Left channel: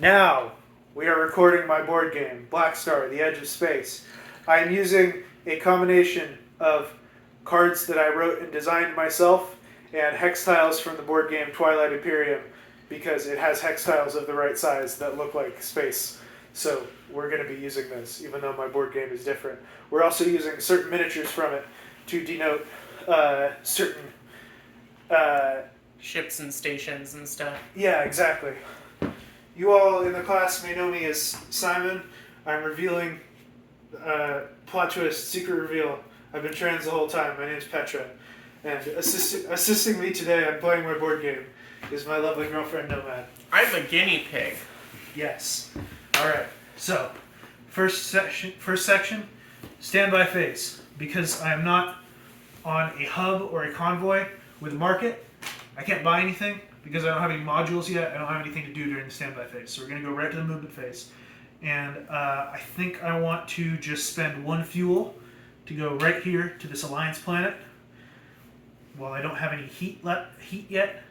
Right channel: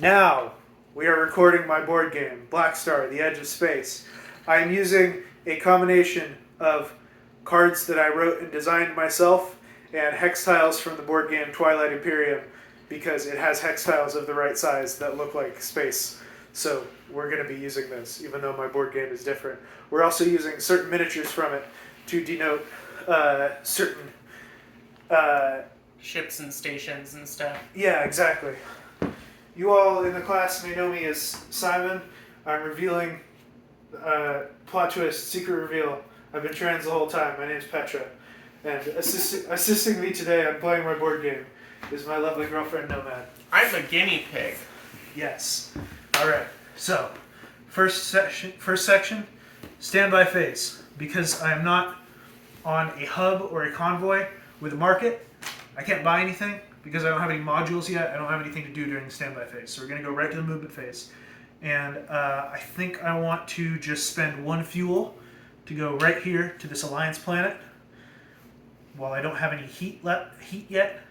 Now, we are recording my board game, Black Star, The Edge of Space. I am using a combination of cards that I wrote and designed myself and hex tiles from the board game Twilight Imperium because it has hex tiles of the right size that look like space. So we're going to be using this, even though my board game is different. We're also using certain miniatures from it to denote certain. Ships and stations and stuff. Yeah, exactly. You all in the class may know me as Simon. I'm revealing plot twist, secret reveal. I've been trans the whole time. My name's Petra. And assisting me today on playing my board game is my lovely girlfriend, Nomad. I'm the guinea pig. Yes. Alright, so, first section, standby phase. Because I am not on a hub or a convoy with a market, I can't buy anything. Because I don't have any modules yet, I don't have anything to do during the standby phase. So we're going to go right to the movement phase. And I think I want to just spend one fuel to go right here to this Alliance planet. While I don't have any heat yet.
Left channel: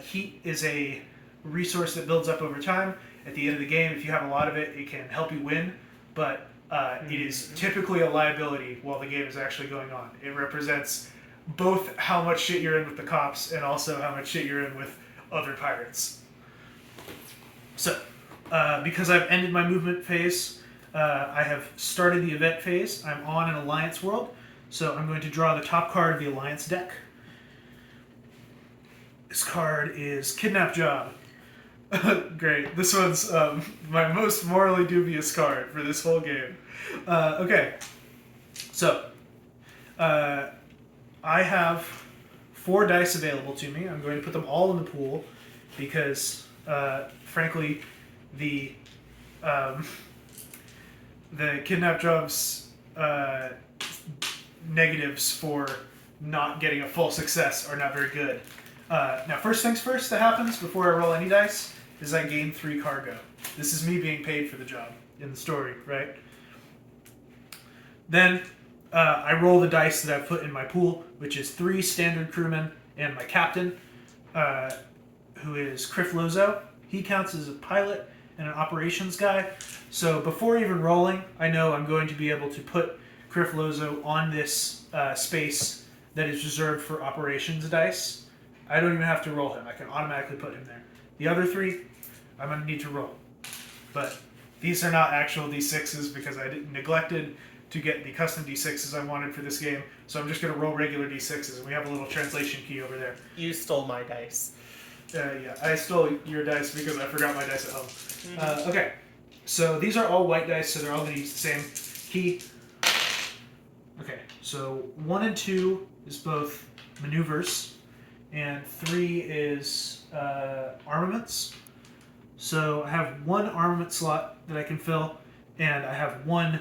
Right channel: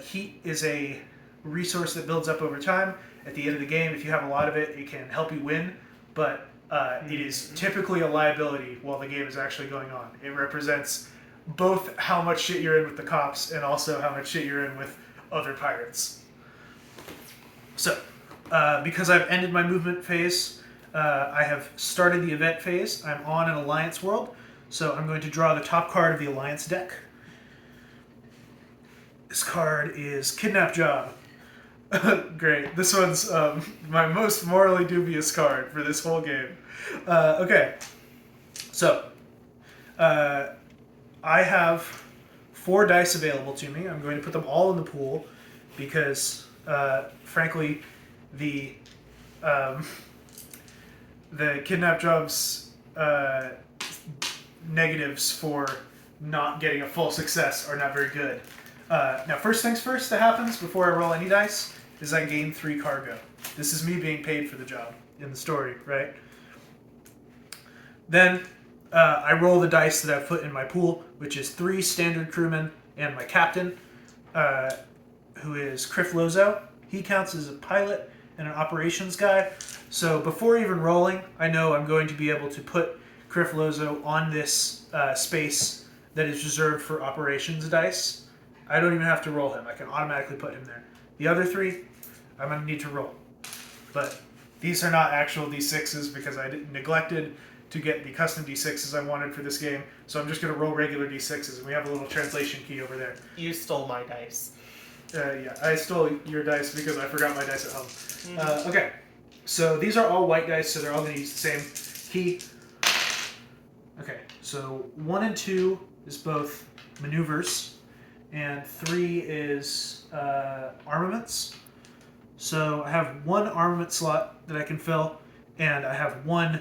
Heat is a resource that builds up over time. At the end of the game, if you have a lot of it, it can help you win. But it is typically a liability while the game is actually going on. It represents both how much shit you're in with the cops and also how much shit you're in with other pirates. So, because I've ended my movement phase, I have started the event phase. I'm on an Alliance world, so I'm going to draw the top card of the Alliance deck. This card is Kidnap Job. Great. This one's my most morally dubious card for this whole game. Okay. So, I have 4 dice available to me. I'm going to put them all in the pool because, frankly, the Kidnap Job's negatives for not getting a full success are not very good. Now, first things first that happens before I roll any dice is I gain 3 cargo. This is me being paid for the job in the story, right? Then I roll the dice that I've put in my pool, which is 3 standard crewmen and my captain, who is Criff Lozo. He counts as a pilot and an operations guy. So before even rolling, I know I'm going to be able to put Criff Lozo on this space that is reserved for operations dice. I don't even have to roll him. I can automatically put him there. The other 3, I'm going to need to roll. But these are not actual D6s because I neglected to get the custom D6s I wanted for this game. So I'm just going to roll regular D6s, and we have a little translation key over there. You stole my dice. Yeah, I stole your dice because I forgot my dice at home. Okay, so these are all white dice, so they're all going to use the same key. Okay, so 1 and 2 is both maneuvers, and 3 is armaments. So I have 1 armament slot that I can fill, and I have 1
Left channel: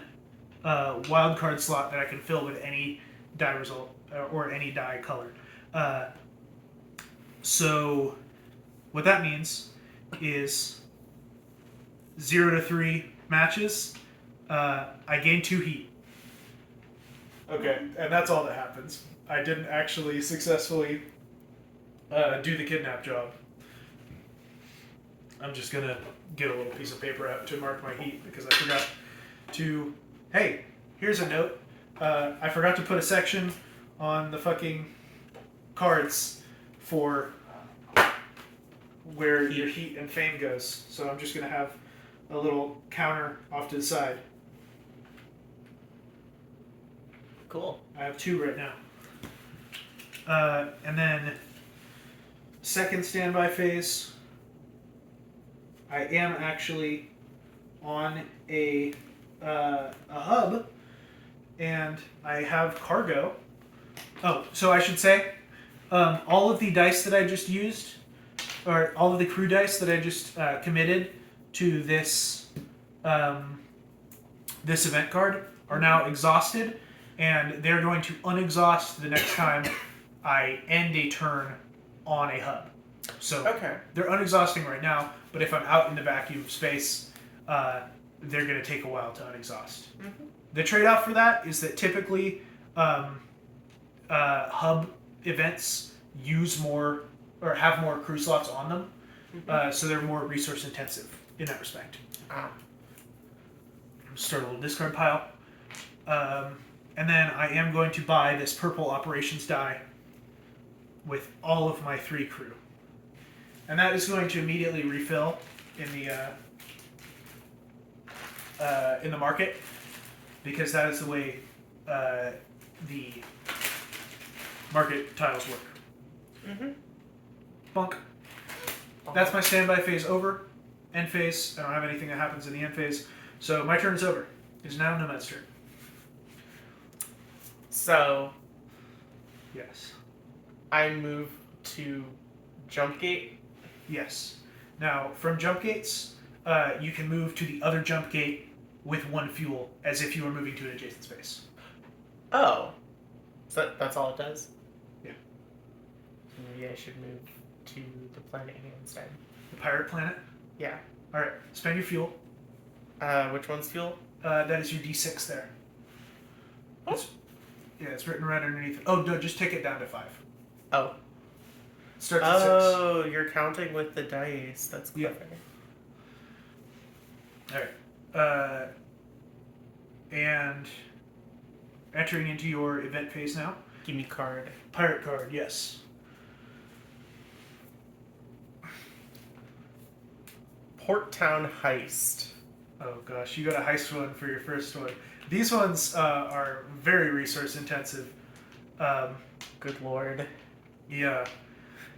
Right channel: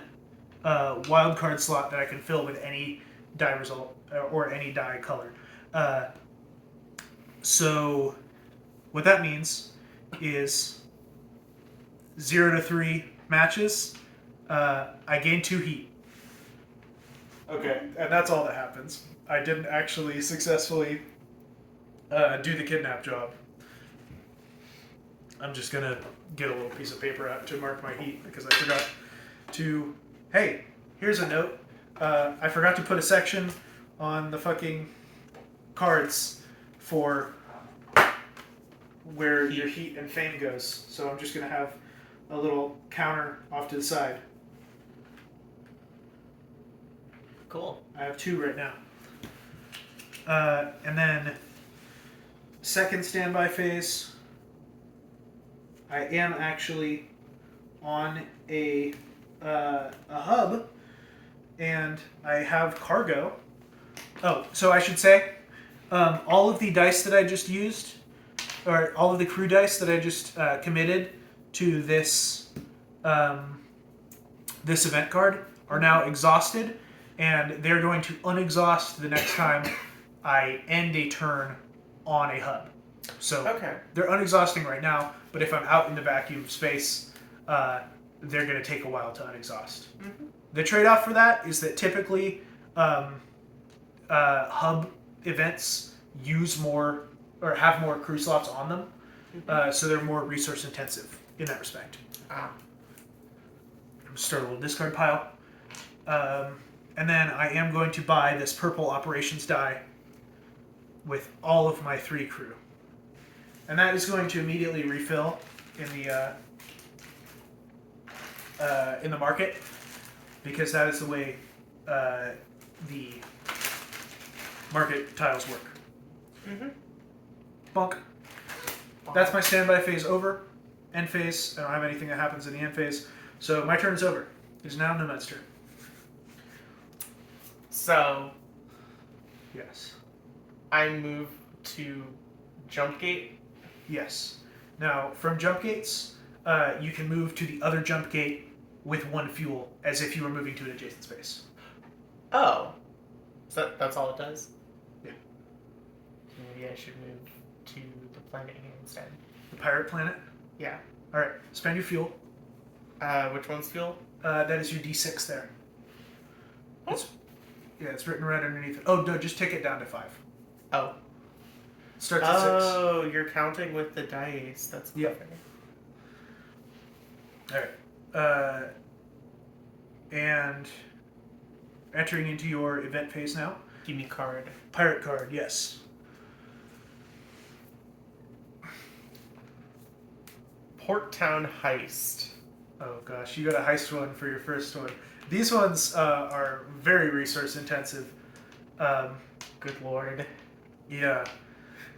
wild card slot that I can fill with any die result or any die color. So what that means is 0 to 3 matches. I gain 2 heat. Okay, and that's all that happens. I didn't actually successfully do the kidnap job. I'm just gonna get a little piece of paper out to mark my heat because I forgot to. Hey, here's a note. I forgot to put a section on the fucking cards for where your heat and fame goes. So I'm just gonna have a little counter off to the side. Cool. I have 2 right now. And then second standby phase. I am actually on a hub, and I have cargo. Oh, so I should say, all of the dice that I just used, or all of the crew dice that I just committed to this this event card are now exhausted, and they're going to unexhaust the next time I end a turn on a hub. So Okay. they're unexhausting right now, but if I'm out in the vacuum of space, they're going to take a while to unexhaust. Mm-hmm. The trade-off for that is that typically hub events use more or have more crew slots on them. So they're more resource intensive in that respect. Ah. Start a little discard pile. And then I am going to buy this purple operations die with all of my 3 crew. And that is going to immediately refill in the market, because that is the way the market tiles work. Bonk. That's my standby phase over. End phase. I don't have anything that happens in the end phase. So my turn is over. It is now Nomad's turn. So Yes. I move to jump gate. Yes. Now, from jump gates, you can move to the other jump gate with 1 fuel, as if you were moving to an adjacent space. Oh. So that's all it does? Yeah. Maybe I should move to the planet here instead. The pirate planet. Yeah. Alright, spend your fuel. Which one's fuel? That is your D6 there. Oh. It's written right underneath it. Oh, no, just take it down to 5. Oh. Starts at 6. Oh, you're counting with the dice. That's Yeah. clever. Alright. And entering into your event phase now. Give me card. Pirate card, yes. Port Town Heist. Oh gosh, you got a heist one for your first one. These ones are very resource intensive. Good lord. Yeah.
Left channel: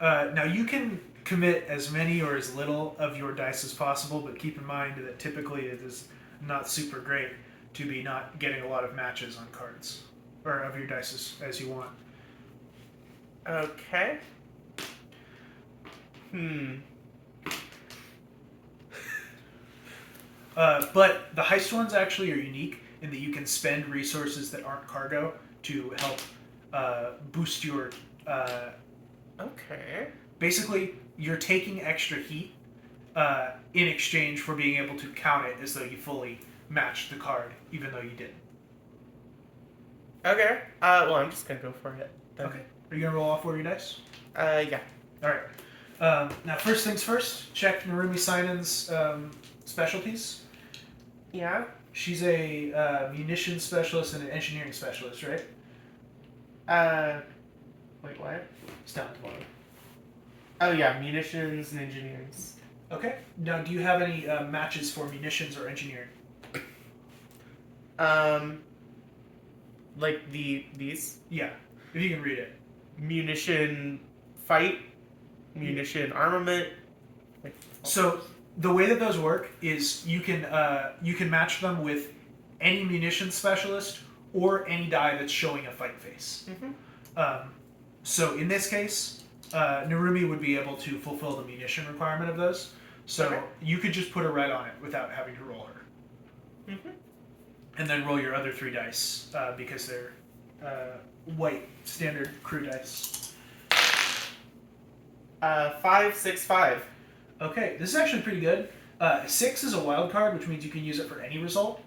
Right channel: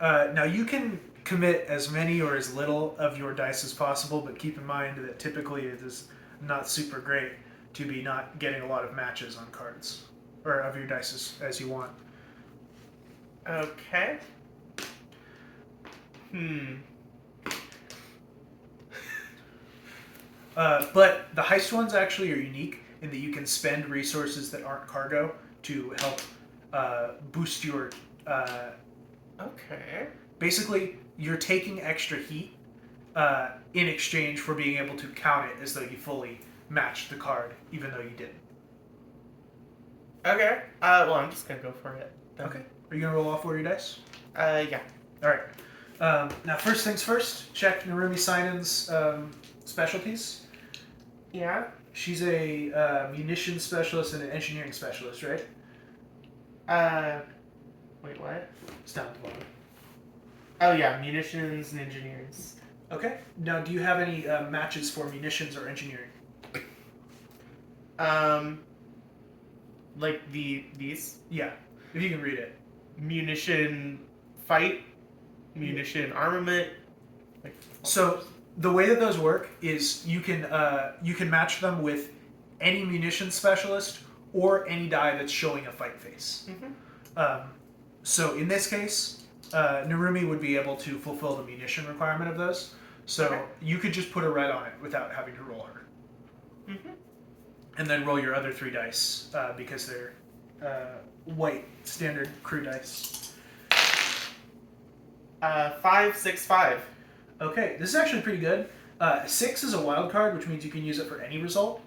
Now you can commit as many or as little of your dice as possible, but keep in mind that typically it is not super great to be not getting a lot of matches on cards, or of your dice as you want. Okay. But the heist ones actually are unique in that you can spend resources that aren't cargo to help boost your... Okay. Basically, you're taking extra heat in exchange for being able to count it as though you fully matched the card, even though you didn't. Okay. Well, I'm just gonna go for it. Then. Okay. Are you going to roll all 4 of your dice? Yeah. Alright. Now, first things first, check Narumi Sinan's specialties. Yeah. She's a munitions specialist and an engineering specialist, right? Wait, what? It's down at the bottom. Oh, yeah, munitions and engineers. Okay. Now, do you have any matches for munitions or engineering? Like these? Yeah, if you can read it. Munition fight, munition armament. Like, So the way that those work is you can match them with any munitions specialist or any die that's showing a fight face. So in this case, Narumi would be able to fulfill the munition requirement of those. So Okay. you could just put a red on it without having to roll her. And then roll your other 3 dice because they're white standard crew dice. 5, 6, 5. Okay, this is actually pretty good. 6 is a wild card, which means you can use it for any result.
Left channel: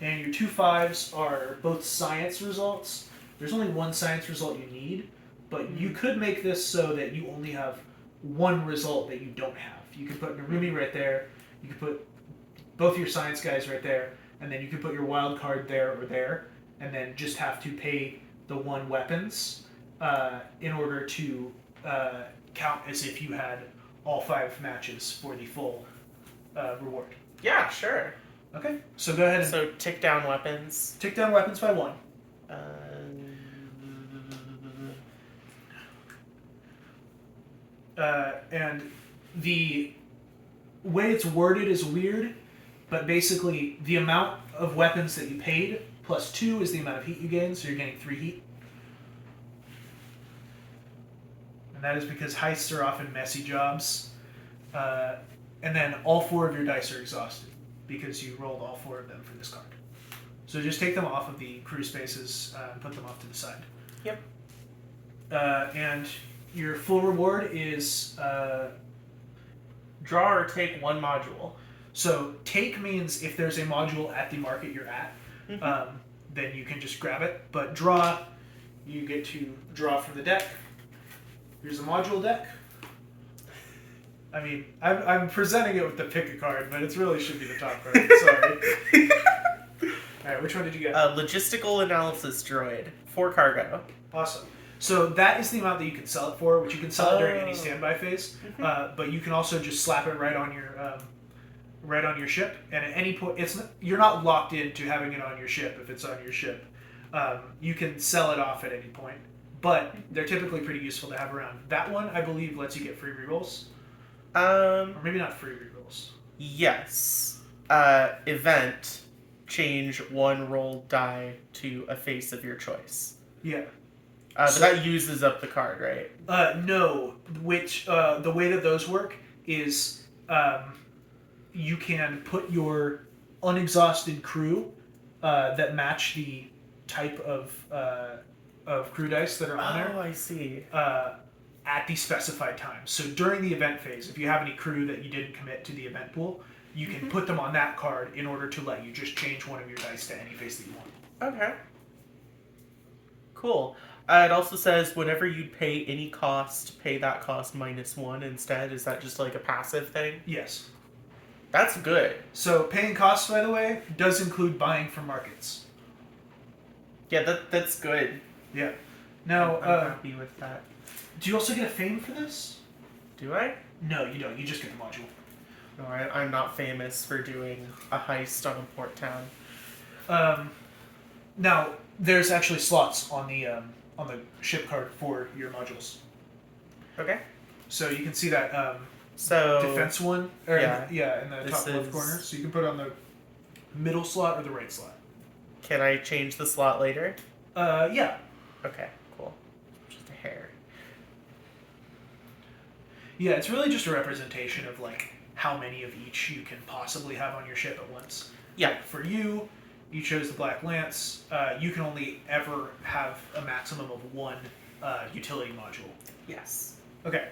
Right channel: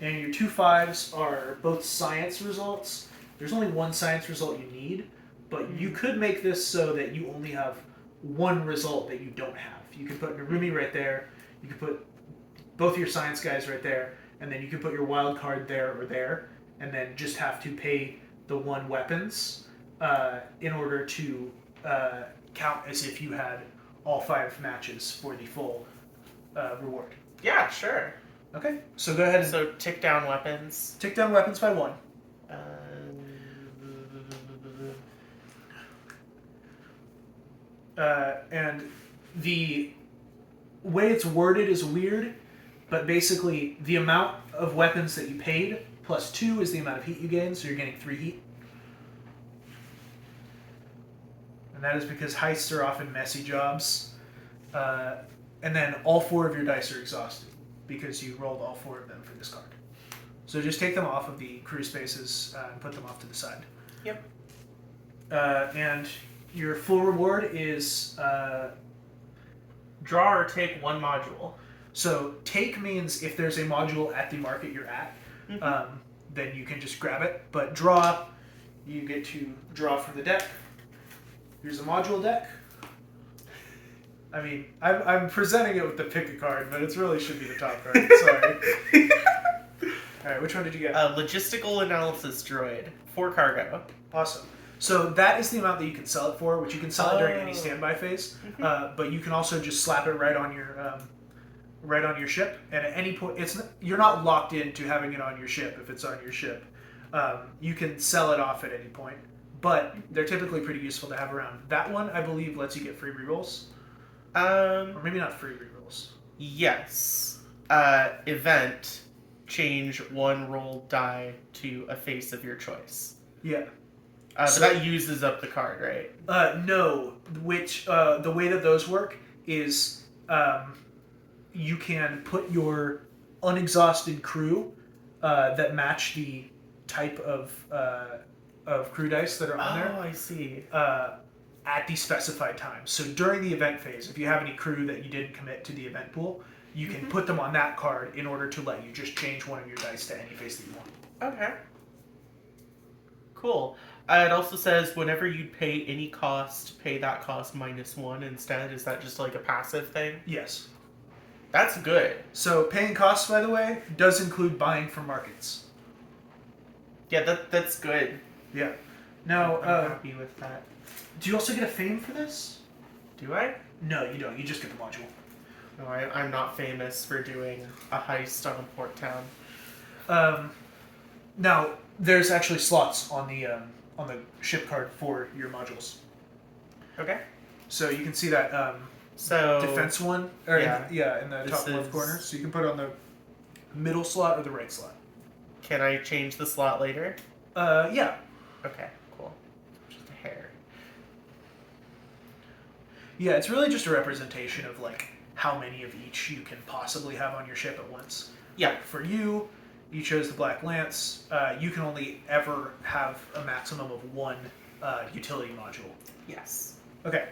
And your 2 5s are both science results. There's only 1 science result you need, but you could make this so that you only have 1 result that you don't have. You could put Narumi right there. You could put both your science guys right there, and then you could put your wild card there or there, and then just have to pay the 1 weapons in order to count as if you had all 5 matches for the full reward. Yeah, sure. Okay, so go ahead and So tick down weapons. tick down weapons by 1. And the way it's worded is weird, but basically the amount of weapons that you paid plus 2 is the amount of heat you gain, so you're getting 3 heat. And that is because heists are often messy jobs. And then all 4 of your dice are exhausted because you rolled all 4 of them for this card. So just take them off of the crew spaces and put them off to the side. Yep. And your full reward is... Draw or take 1 module. So take means if there's a module at the market you're at, then you can just grab it. But draw, you get to draw from the deck. Here's a module deck. I mean, I'm presenting it with the pick a card, but it really should be the top card. Sorry. All right, which one did you get? Logistical analysis droid, 4 cargo. Awesome. So that is the amount that you can sell it for, which you can sell it during any Oh. standby phase. But you can also just slap it right on your ship, and at any point, you're not locked into having it on your ship if it's on your ship. You can sell it off at any point, but they're typically pretty useful to have around. That one, I believe, lets you get free rerolls, or maybe not free rerolls. Yes. Event, change 1 roll die to a face of your choice. Yeah. But that uses up the card, right? No. Which the way that those work is you can put your unexhausted crew that match the type of crew dice that are on there. Oh, I see. At the specified time. So during the event phase, if you have any crew that you didn't commit to the event pool, you can put them on that card in order to let you just change one of your dice to any face that you want. Okay. Cool. It also says whenever you pay any cost, pay that cost -1 instead. Is that just like a passive thing? Yes. That's good. So paying costs, by the way, does include buying from markets. Yeah, that's good. Yeah. Now, I'm happy with that. do you also get a fame for this? Do I? No, you don't. You just get the module. No, I'm not famous for doing a heist on a port town. Now, there's actually slots on the ship card for your modules. Okay. So you can see that So defense one, or yeah. in the This top left is- corner. So you can put it on the middle slot or the right slot. can I change the slot later? Yeah. Okay, cool. Just a hair. Yeah, it's really just a representation of like how many of each you can possibly have on your ship at once. Yeah. For you, you chose the Black Lance. You can only ever have a maximum of 1 utility module. Yes. Okay.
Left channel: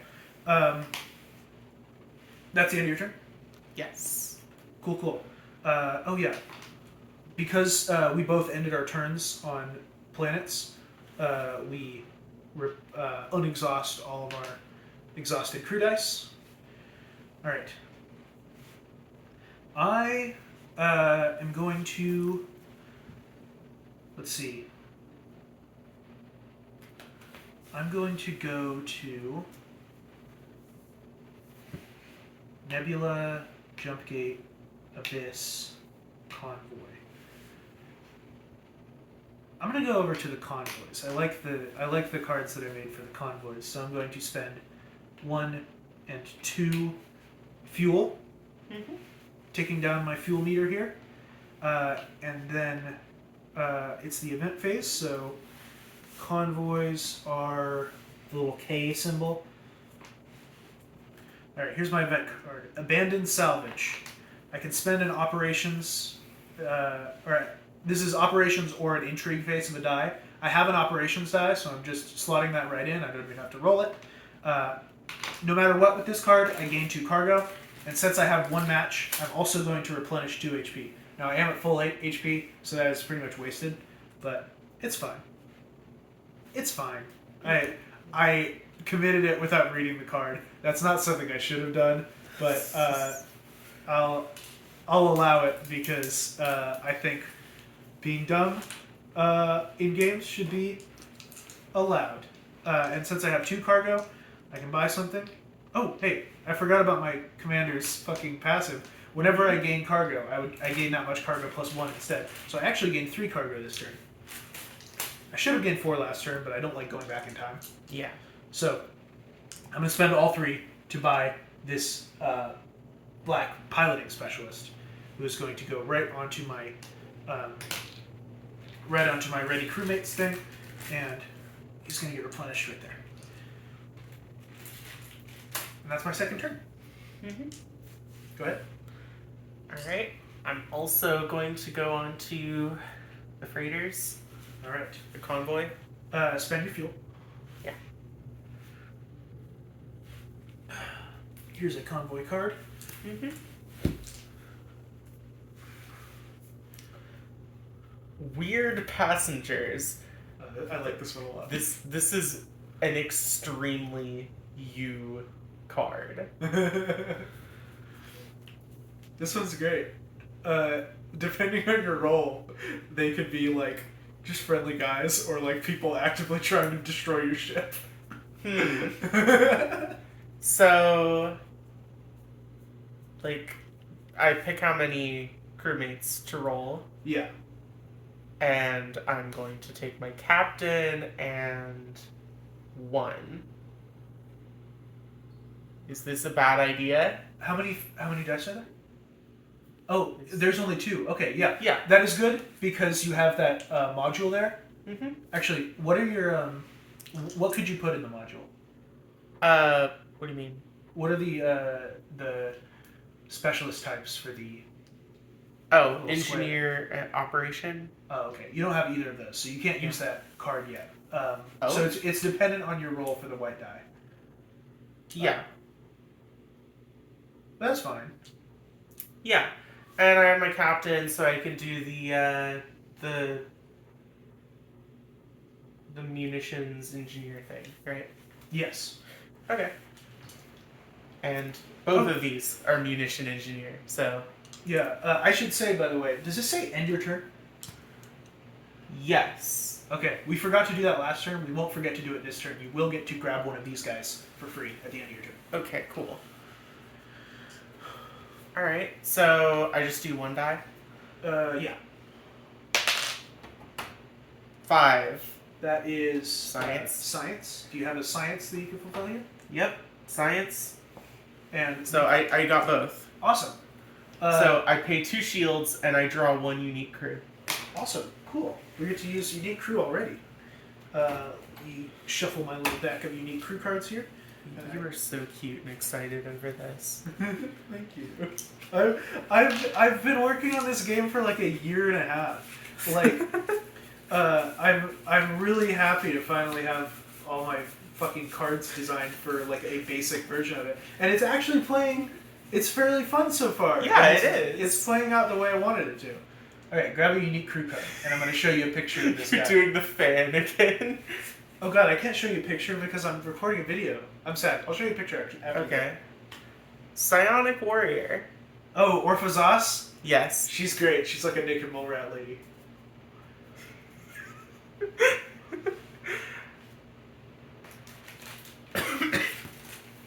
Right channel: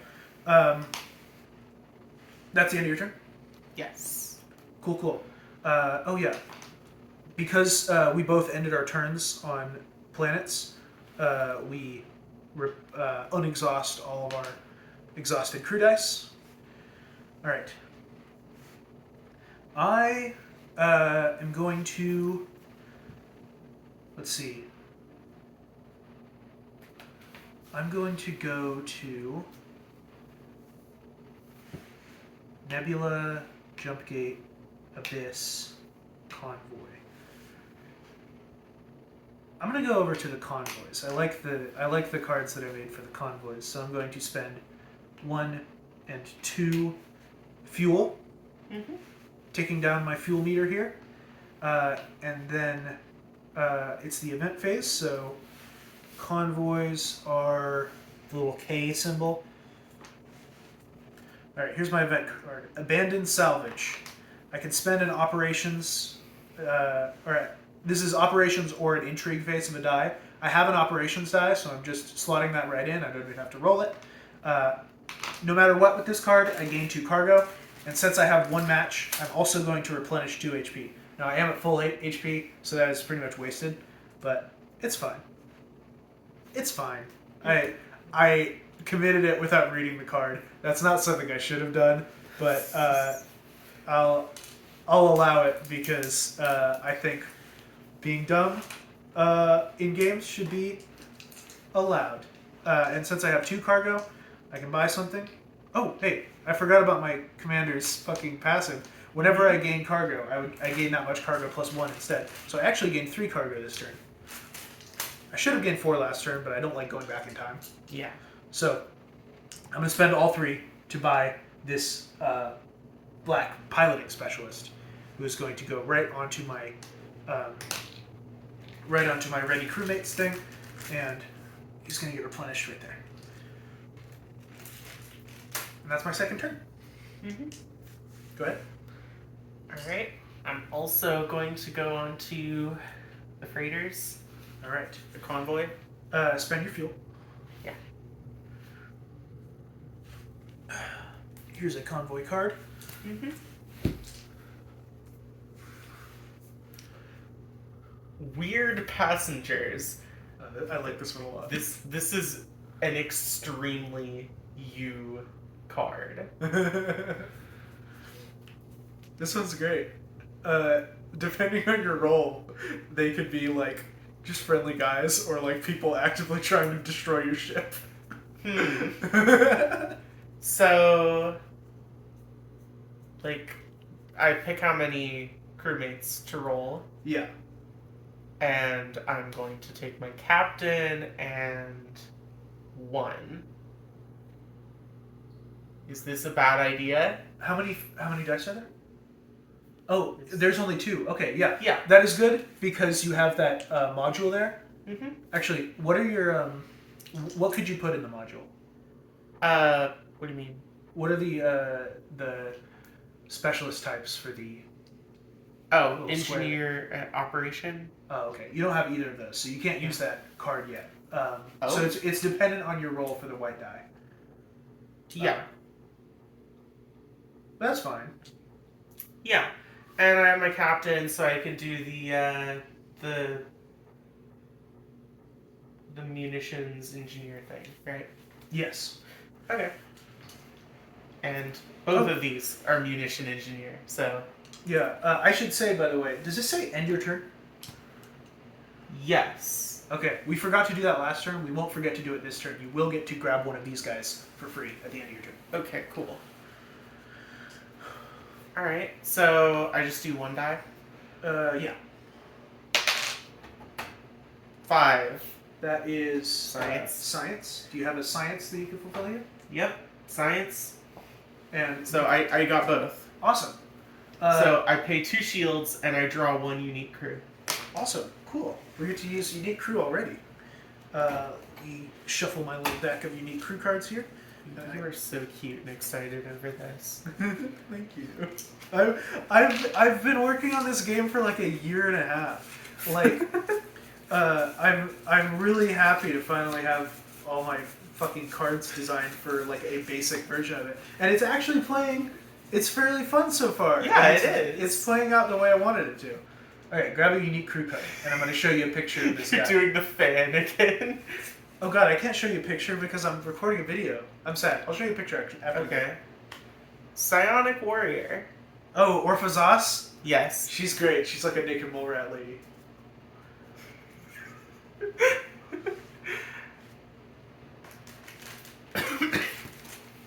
That's the end of your turn? Yes. Cool. Oh yeah. Because we both ended our turns on planets, we unexhaust all of our exhausted crew dice. Alright. I am going to... Let's see. I'm going to go to Nebula, Jumpgate, Abyss, Convoy. I'm gonna go over to the convoys. I like the cards that I made for the convoys, so I'm going to spend 1 and 2 fuel, taking down my fuel meter here, and then it's the event phase. So convoys are the little K symbol. All right, here's my event card: Abandoned Salvage. I can spend an operations, this is operations or an intrigue phase of a die. I have an operations die, so I'm just slotting that right in. I don't even have to roll it. No matter what with this card, I gain 2 cargo, and since I have 1 match, I'm also going to replenish 2 HP. Now I am at full HP, so that is pretty much wasted, but it's fine. It's fine. I committed it without reading the card. That's not something I should have done, but I'll allow it because I think being dumb in games should be allowed. And since I have 2 cargo, I can buy something. Oh, hey, I forgot about my commander's fucking passive. Whenever I gain cargo, I gain that much cargo plus 1 instead. So I actually gained 3 cargo this turn. I should have gained 4 last turn, but I don't like going back in time. Yeah. So I'm going to spend all 3 to buy this black piloting specialist, who is going to go right onto my ready crewmates thing, and he's going to get replenished right there. And that's my second turn. Go ahead. Alright. I'm also going to go on to the freighters, All right. the convoy. Spend your fuel. Yeah. Here's a convoy card. Weird passengers. I like this one a lot. This is an extremely you card. This one's great. Depending on your role, they could be like just friendly guys or like people actively trying to destroy your ship. So, like, I pick how many crewmates to roll, Yeah. and I'm going to take my captain and 1. Is this a bad idea? How many dice are there? Oh, there's only 2. Okay, yeah. Yeah. That is good because you have that module there. Mm-hmm. Actually, what are your what could you put in the module? What do you mean? What are the specialist types for the? Oh, Little engineer operation. Oh, okay. You don't have either of those, so you can't use that card yet. So Oh. it's dependent on your roll for the white die. Yeah. That's fine. Yeah. And I have my captain, so I can do the munitions engineer thing, right? Yes. Okay. And both of these are munition engineer, so Yeah. I should say, by the way, does this say end your turn? yes. Okay. We forgot to do that last turn. We won't forget to do it this turn. You will get to grab one of these guys for free at the end of your turn. Okay, cool. Alright, so I just do 1 die. Yeah. 5. That is Science. Science. Do you have a science that you can fulfill here? Yep. Science. And So I got both. awesome. So I pay 2 shields and I draw 1 unique crew. Awesome. Cool. We get to use unique crew already. We shuffle my little deck of unique crew cards here. You are so cute and excited over this. Thank you. I've been working on this game for like a year and a half. Like, I'm really happy to finally have all my fucking cards designed for like a basic version of it, and it's actually playing. It's fairly fun so far. Yeah, And it is. It's playing out the way I wanted it to. All right, grab a unique crew card, and I'm going to show you a picture of this You're guy. doing the fan again. Oh god, I can't show you a picture because I'm recording a video. I'm sad. I'll show you a picture after. Okay. Psionic warrior. Oh, Orphazos? Yes. She's great. She's like a naked mole rat lady.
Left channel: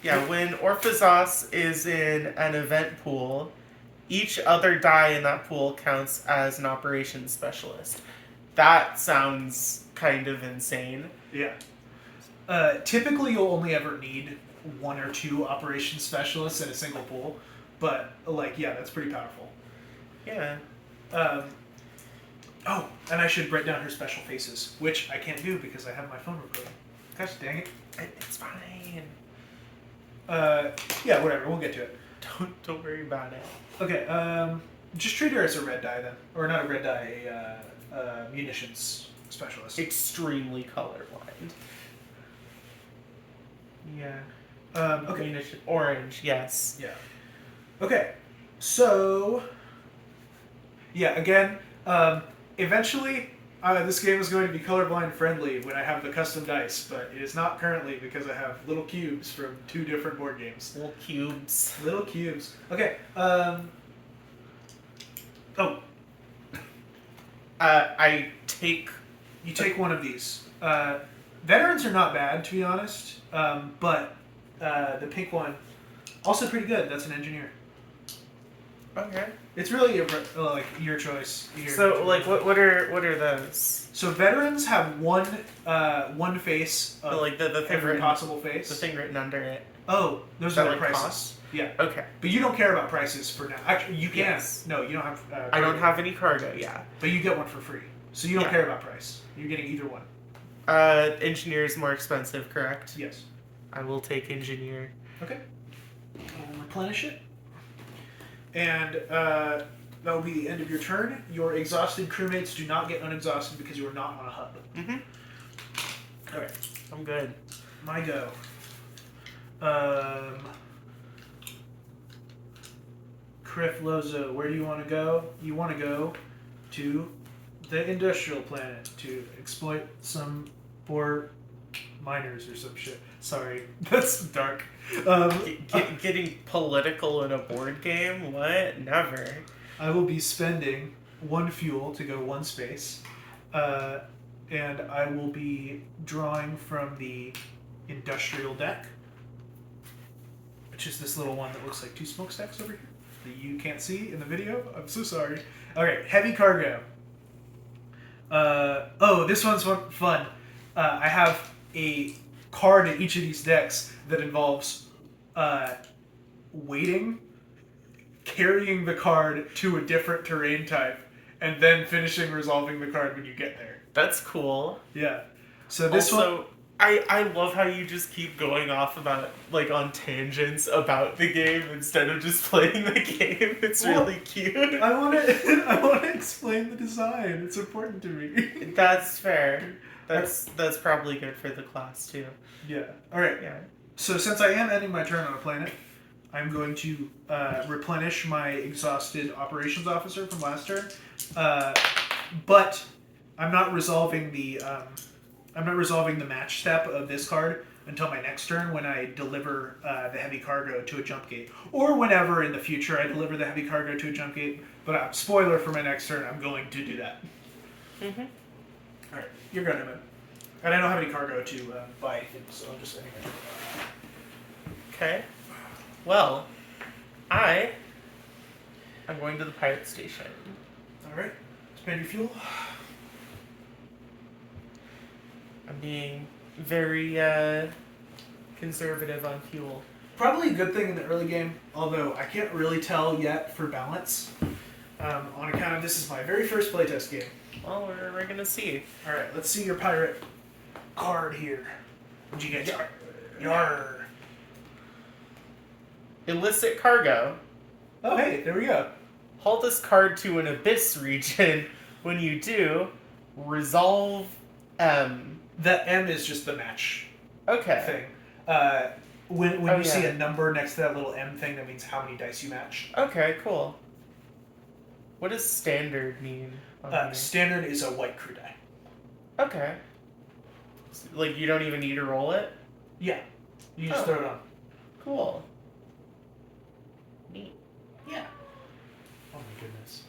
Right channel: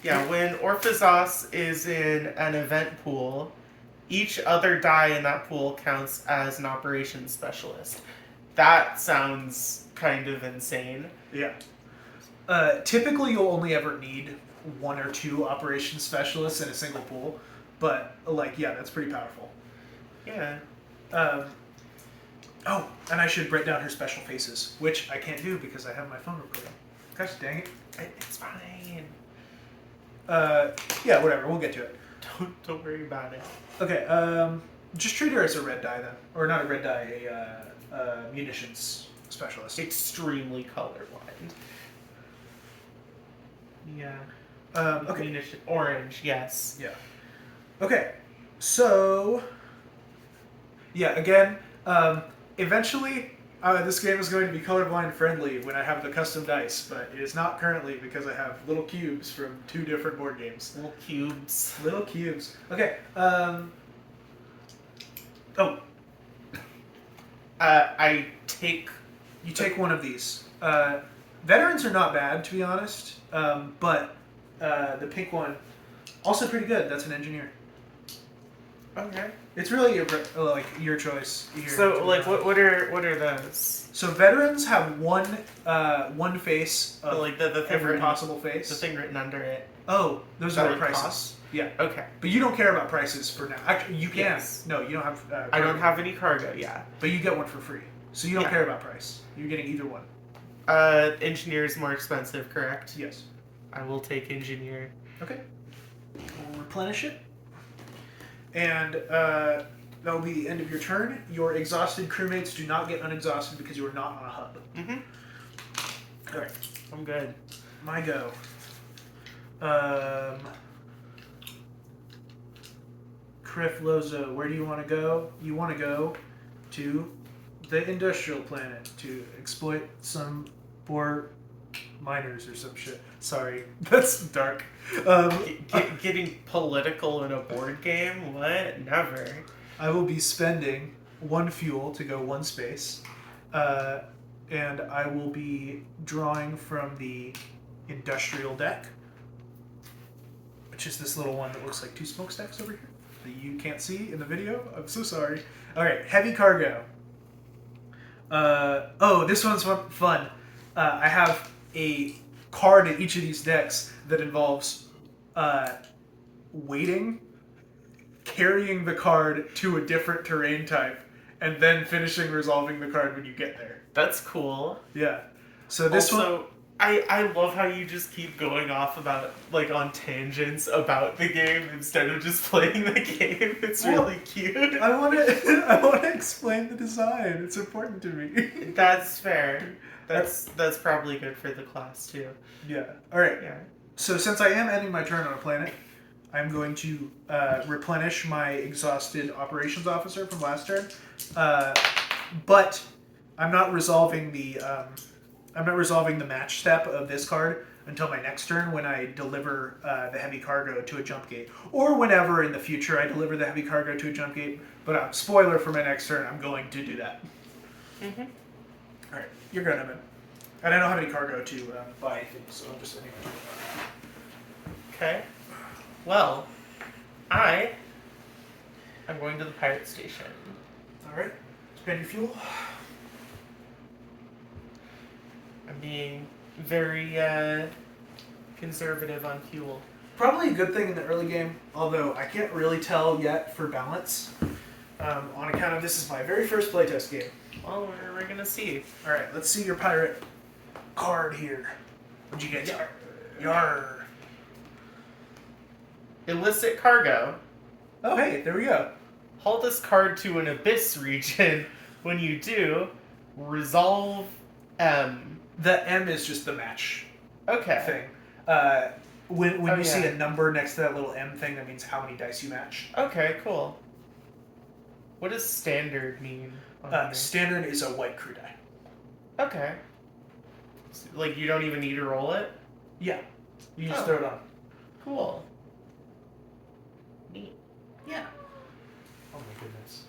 Yeah, when Orphazos is in an event pool, each other die in that pool counts as an operations specialist. That sounds kind of insane. Yeah. Typically, you'll only ever need 1 or 2 operations specialists in a single pool, but like, yeah, that's pretty powerful. Yeah. Oh, and I should write down her special faces, which I can't do because I have my phone recording. Gosh dang it. It's fine. Yeah, whatever. We'll get to it. Don't worry about it. Okay. Just treat her as a red die then, or not a red die, a munitions specialist. Extremely colorblind. Yeah. Okay. Munition orange, yes. Yeah. Okay. So, yeah, again, eventually this game is going to be colorblind friendly when I have the custom dice, but it is not currently because I have little cubes from 2 different board games. Little cubes. Little cubes. Okay. I take... You take one of these. Veterans are not bad, to be honest, but the pink one, also pretty good. That's an engineer. Okay. It's really your choice. So, like, what are those? So veterans have one face of Like the thing every written, possible face. the thing written under it. Oh, those That are the would prices. cost? Yeah, Okay. but you don't care about prices for now. Actually, you can. Yes. No, you don't have. I don't have any cargo, yeah. But you get one for free, so you don't Yeah. care about price. You're getting either one. Engineer is more expensive, correct? Yes. I will take engineer. Okay. We'll replenish it, and that will be the end of your turn. Your exhausted crewmates do not get unexhausted because you are not on a hub. Mm-hmm. All right. I'm good. My go. Criff Lozo, where do you want to go? You want to go to the industrial planet to exploit some poor miners or some shit. Sorry, that's dark. Getting political in a board game? What? Never. I will be spending 1 fuel to go 1 space, and I will be drawing from the industrial deck, which is this little one that looks like 2 smokestacks over here that you can't see in the video. I'm so sorry. All right, heavy cargo. This one's fun. I have a card in each of these decks that involves waiting, carrying the card to a different terrain type, and then finishing resolving the card when you get there. That's cool. Yeah. So this also, one... I love how you just keep going off about, like, on tangents about the game instead of just playing the game. It's really cute. I want to explain the design. It's important to me. That's fair. That's probably good for the class, too. Yeah. All right. Yeah. So since I am ending my turn on a planet, I'm going to replenish my exhausted operations officer from last turn, but I'm not resolving the match step of this card until my next turn when I deliver the heavy cargo to a jump gate, or whenever in the future I deliver the heavy cargo to a jump gate. But spoiler for my next turn, I'm going to do that. Mm-hmm. All right, you're going to win. And I don't have any cargo to buy anything, so I'm just anyway. Okay. Well, I am going to the pirate station. All right, spend your fuel. I'm being very conservative on fuel. Probably a good thing in the early game, although I can't really tell yet for balance. On account of this is my very first playtest game. Well, we're gonna see. All right, let's see your pirate card here. What'd you get? Yarr. Illicit cargo. Oh, hey, there we go. Hold this card to an abyss region. When you do, resolve M. The M is just the match Okay. thing. When you see yeah. a number next to that little M thing, that means how many dice you match. Okay, cool. What does standard mean? on here? Standard is a white crew die. Okay. Like, you don't even need to roll it? Yeah, you just Oh. throw it on. Cool. Neat. Yeah. Oh my goodness.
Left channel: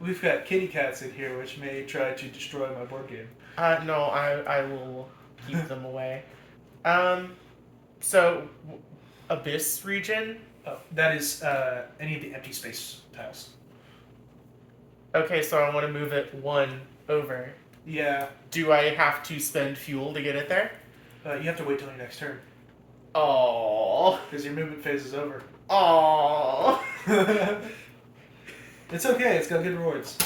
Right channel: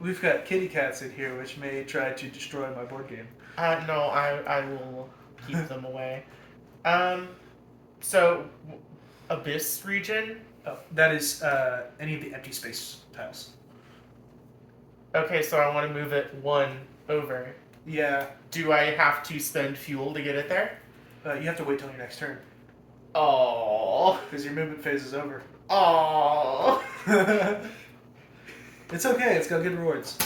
We've got kitty cats in here, which may try to destroy my board game. No, I will keep them away. So, abyss region? Oh, that is any of the empty space tiles. Okay, so I want to move it 1 over. Yeah, Do I have to spend fuel to get it there? you have to wait till your next turn Oh. because your movement phase is over. Oh. It's okay. It's got good rewards.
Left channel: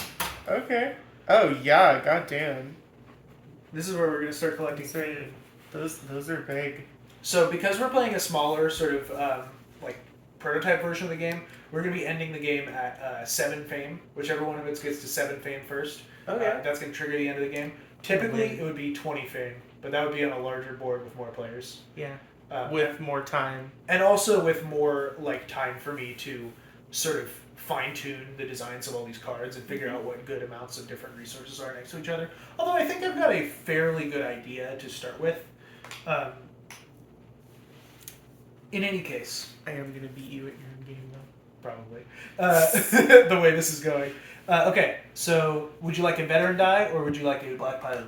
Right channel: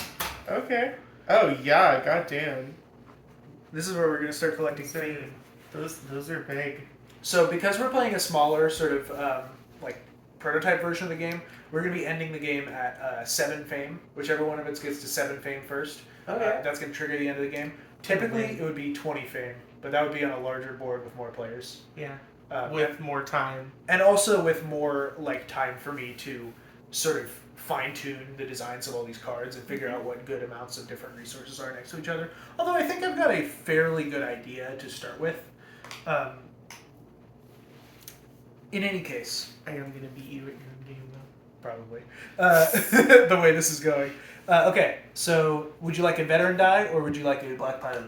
Okay. Oh yeah, goddamn. This is where we're gonna start collecting Sorry. food. Those are big. So because we're playing a smaller sort of like prototype version of the game, we're gonna be ending the game at 7 fame. Whichever one of us gets to 7 fame first, Okay. that's gonna trigger the end of the game. Typically, it would be 20 fame, but that would be on a larger board with more players. Yeah. Um, With more time. and also with more like time for me to sort of fine-tune the designs of all these cards and figure out what good amounts of different resources are next to each other. Although I think I've got a fairly good idea to start with. In any case, I am gonna beat you at your game though. probably the way this is going. Okay, so would you like a veteran die or would you like a black pilot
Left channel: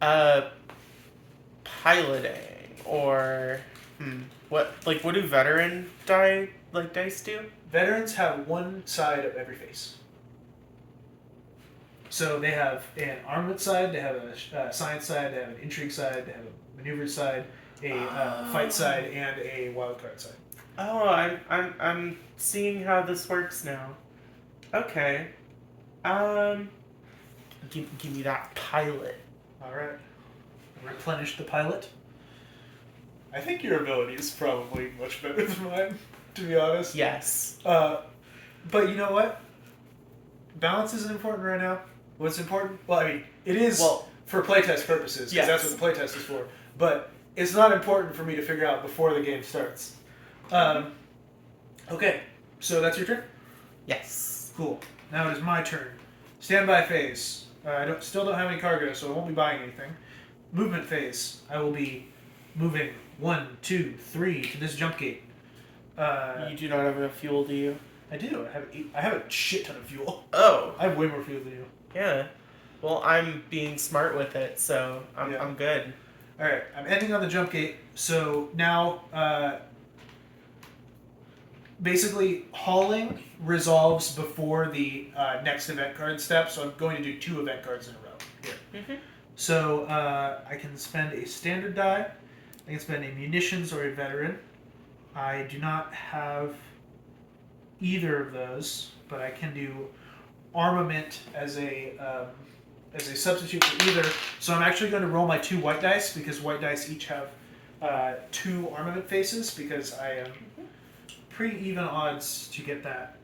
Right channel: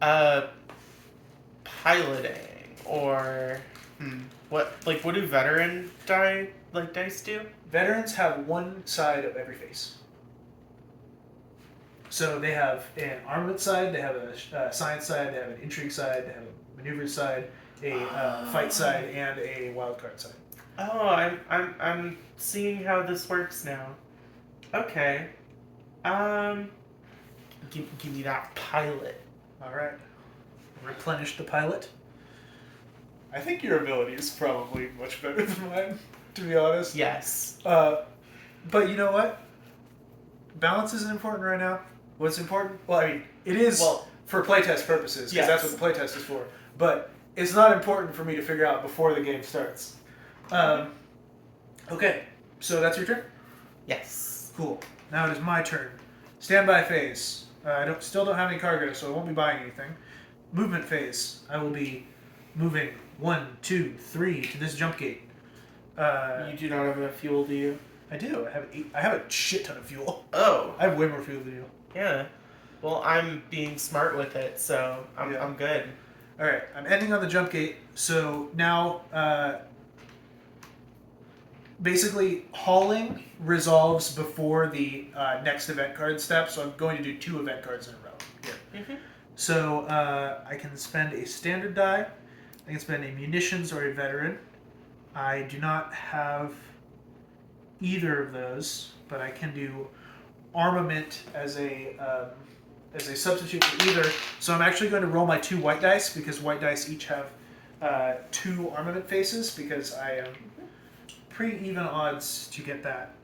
die? Piloting or what do veteran dice do? Veterans have one side of every face. So they have an armament side, they have a science side, they have an intrigue side, they have a maneuver side, a fight side, and a wild card side. Oh, I'm seeing how this works now. Okay. Give me that pilot. All right. Replenish the pilot. I think your ability is probably much better than mine, to be honest. Yes. But you know what? Balance isn't important right now. What's important? Well, I mean, it is for playtest purposes, because that's what the playtest is for. But it's not important for me to figure out before the game starts. Okay, so that's your turn? Yes. Cool. Now it is my turn. Standby phase. I still don't have any cargo, so I won't be buying anything. movement phase, I will be moving 1, 2, 3 to this jump gate. You do not have enough fuel, do you? I do. I have a shit ton of fuel. Oh, I have way more fuel than you. yeah. Well, I'm being smart with it, so I'm good. All right, I'm ending on the jump gate. So now, basically, hauling resolves before the next event card step. So I'm going to do 2 event cards in a row here. Mm-hmm. So I can spend a standard die. I can spend a munitions or a veteran. I do not have either of those, but I can do armament as a substitute for either. So I'm actually going to roll my 2 white dice because white dice each have 2 armament faces because I am pretty even odds to get that.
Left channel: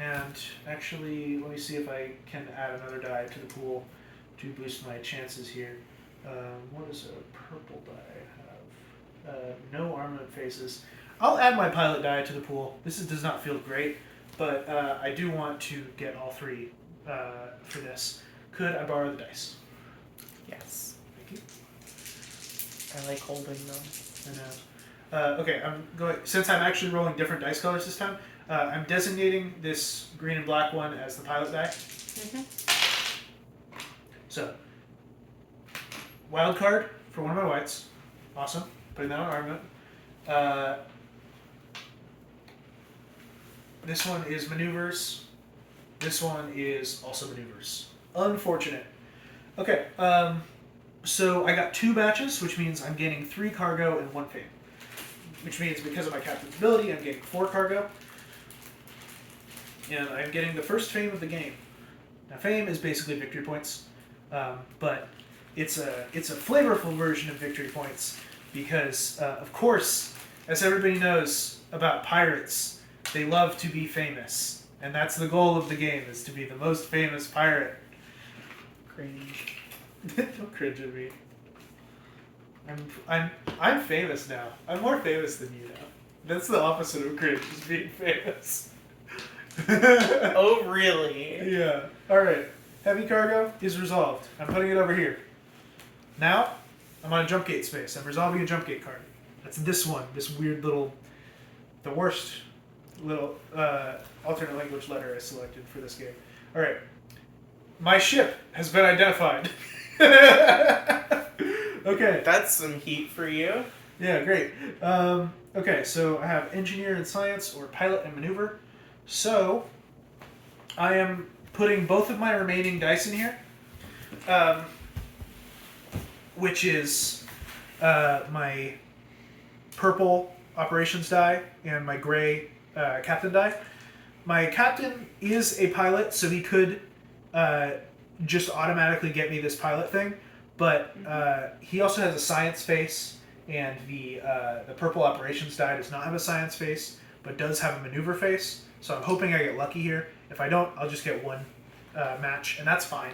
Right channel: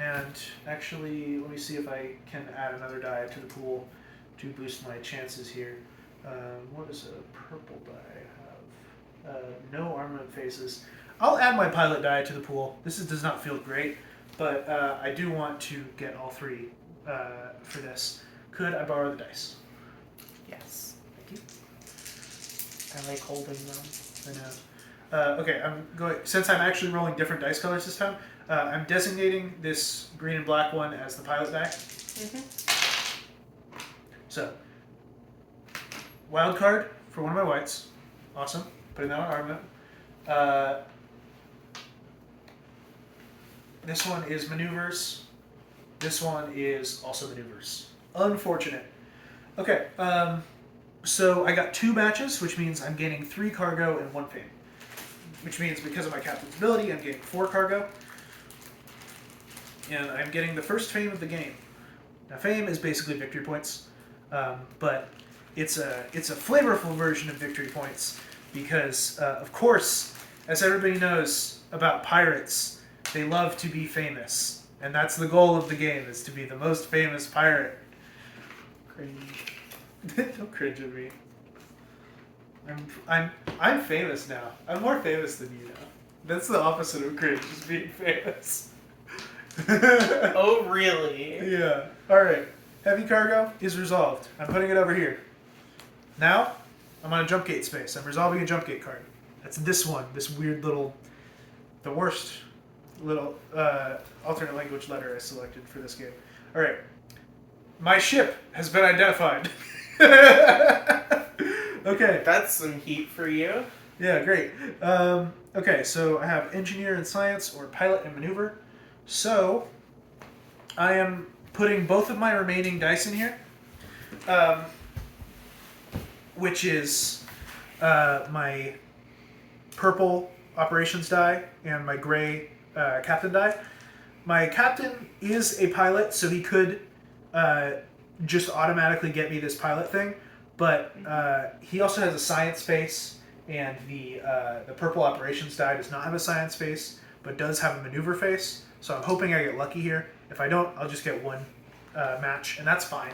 And actually, let me see if I can add another die to the pool to boost my chances here. What does a purple die have? No armament faces. I'll add my pilot die to the pool. Does not feel great, but I do want to get all 3 for this. Could I borrow the dice? Yes. Thank you. I like holding them. I know. Okay, I'm going. Since I'm actually rolling different dice colors this time, I'm designating this green and black one as the pilot die. Mm-hmm. So, wild card for one of my whites. Awesome. Putting that on armament. This one is maneuvers. This one is also maneuvers. Unfortunate. Okay, so I got 2 matches, which means I'm gaining 3 cargo and 1 fame. Which means because of my captain's ability, I'm getting 4 cargo. And I'm getting the first fame of the game. Now, fame is basically victory points, but it's a flavorful version of victory points because, of course, as everybody knows about pirates, they love to be famous, and that's the goal of the game: is to be the most famous pirate. Cringe. Don't cringe at me. I'm famous now. I'm more famous than you now. That's the opposite of cringe, is being famous. Oh, really? Yeah. Alright. Heavy cargo is resolved. I'm putting it over here. Now, I'm on a jump gate space. I'm resolving a jump gate card. That's this one. This weird little... The worst little alternate language letter I selected for this game. Alright. My ship has been identified. Okay. That's some heat for you. Yeah, great. Okay, so I have engineer and science or pilot and maneuver. So I am putting both of my remaining dice in here, which is my purple operations die and my gray captain die. My captain is a pilot, so he could just automatically get me this pilot thing, but he also has a science face, and the purple operations die does not have a science face, but does have a maneuver face. So I'm hoping I get lucky here. If I don't, I'll just get 1 match, and that's fine.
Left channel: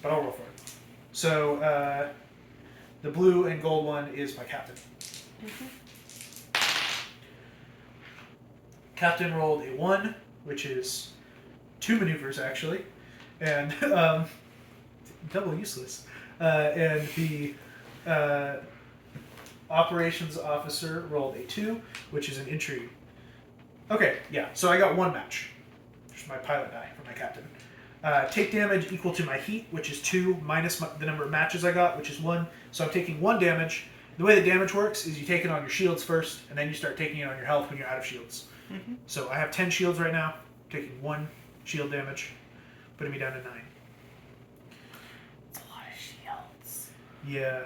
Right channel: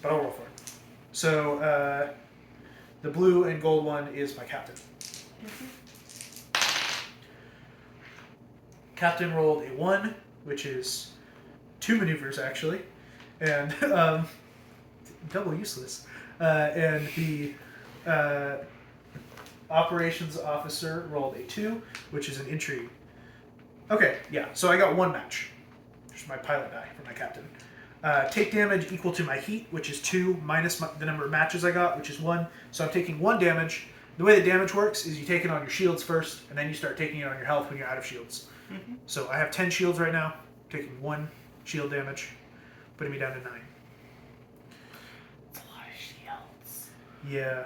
But I'll roll for it. So the blue and gold one is my captain. Mm-hmm. Captain rolled a 1, which is 2 maneuvers actually, and double useless. And the operations officer rolled a 2, which is an intrigue. Okay, yeah, so I got 1 match. There's my pilot die for my captain. Take damage equal to my heat, which is 2, minus the number of matches I got, which is 1. So I'm taking 1 damage. The way the damage works is you take it on your shields first, and then you start taking it on your health when you're out of shields. Mm-hmm. So I have 10 shields right now, taking 1 shield damage, putting me down to 9. That's a lot of shields. Yeah.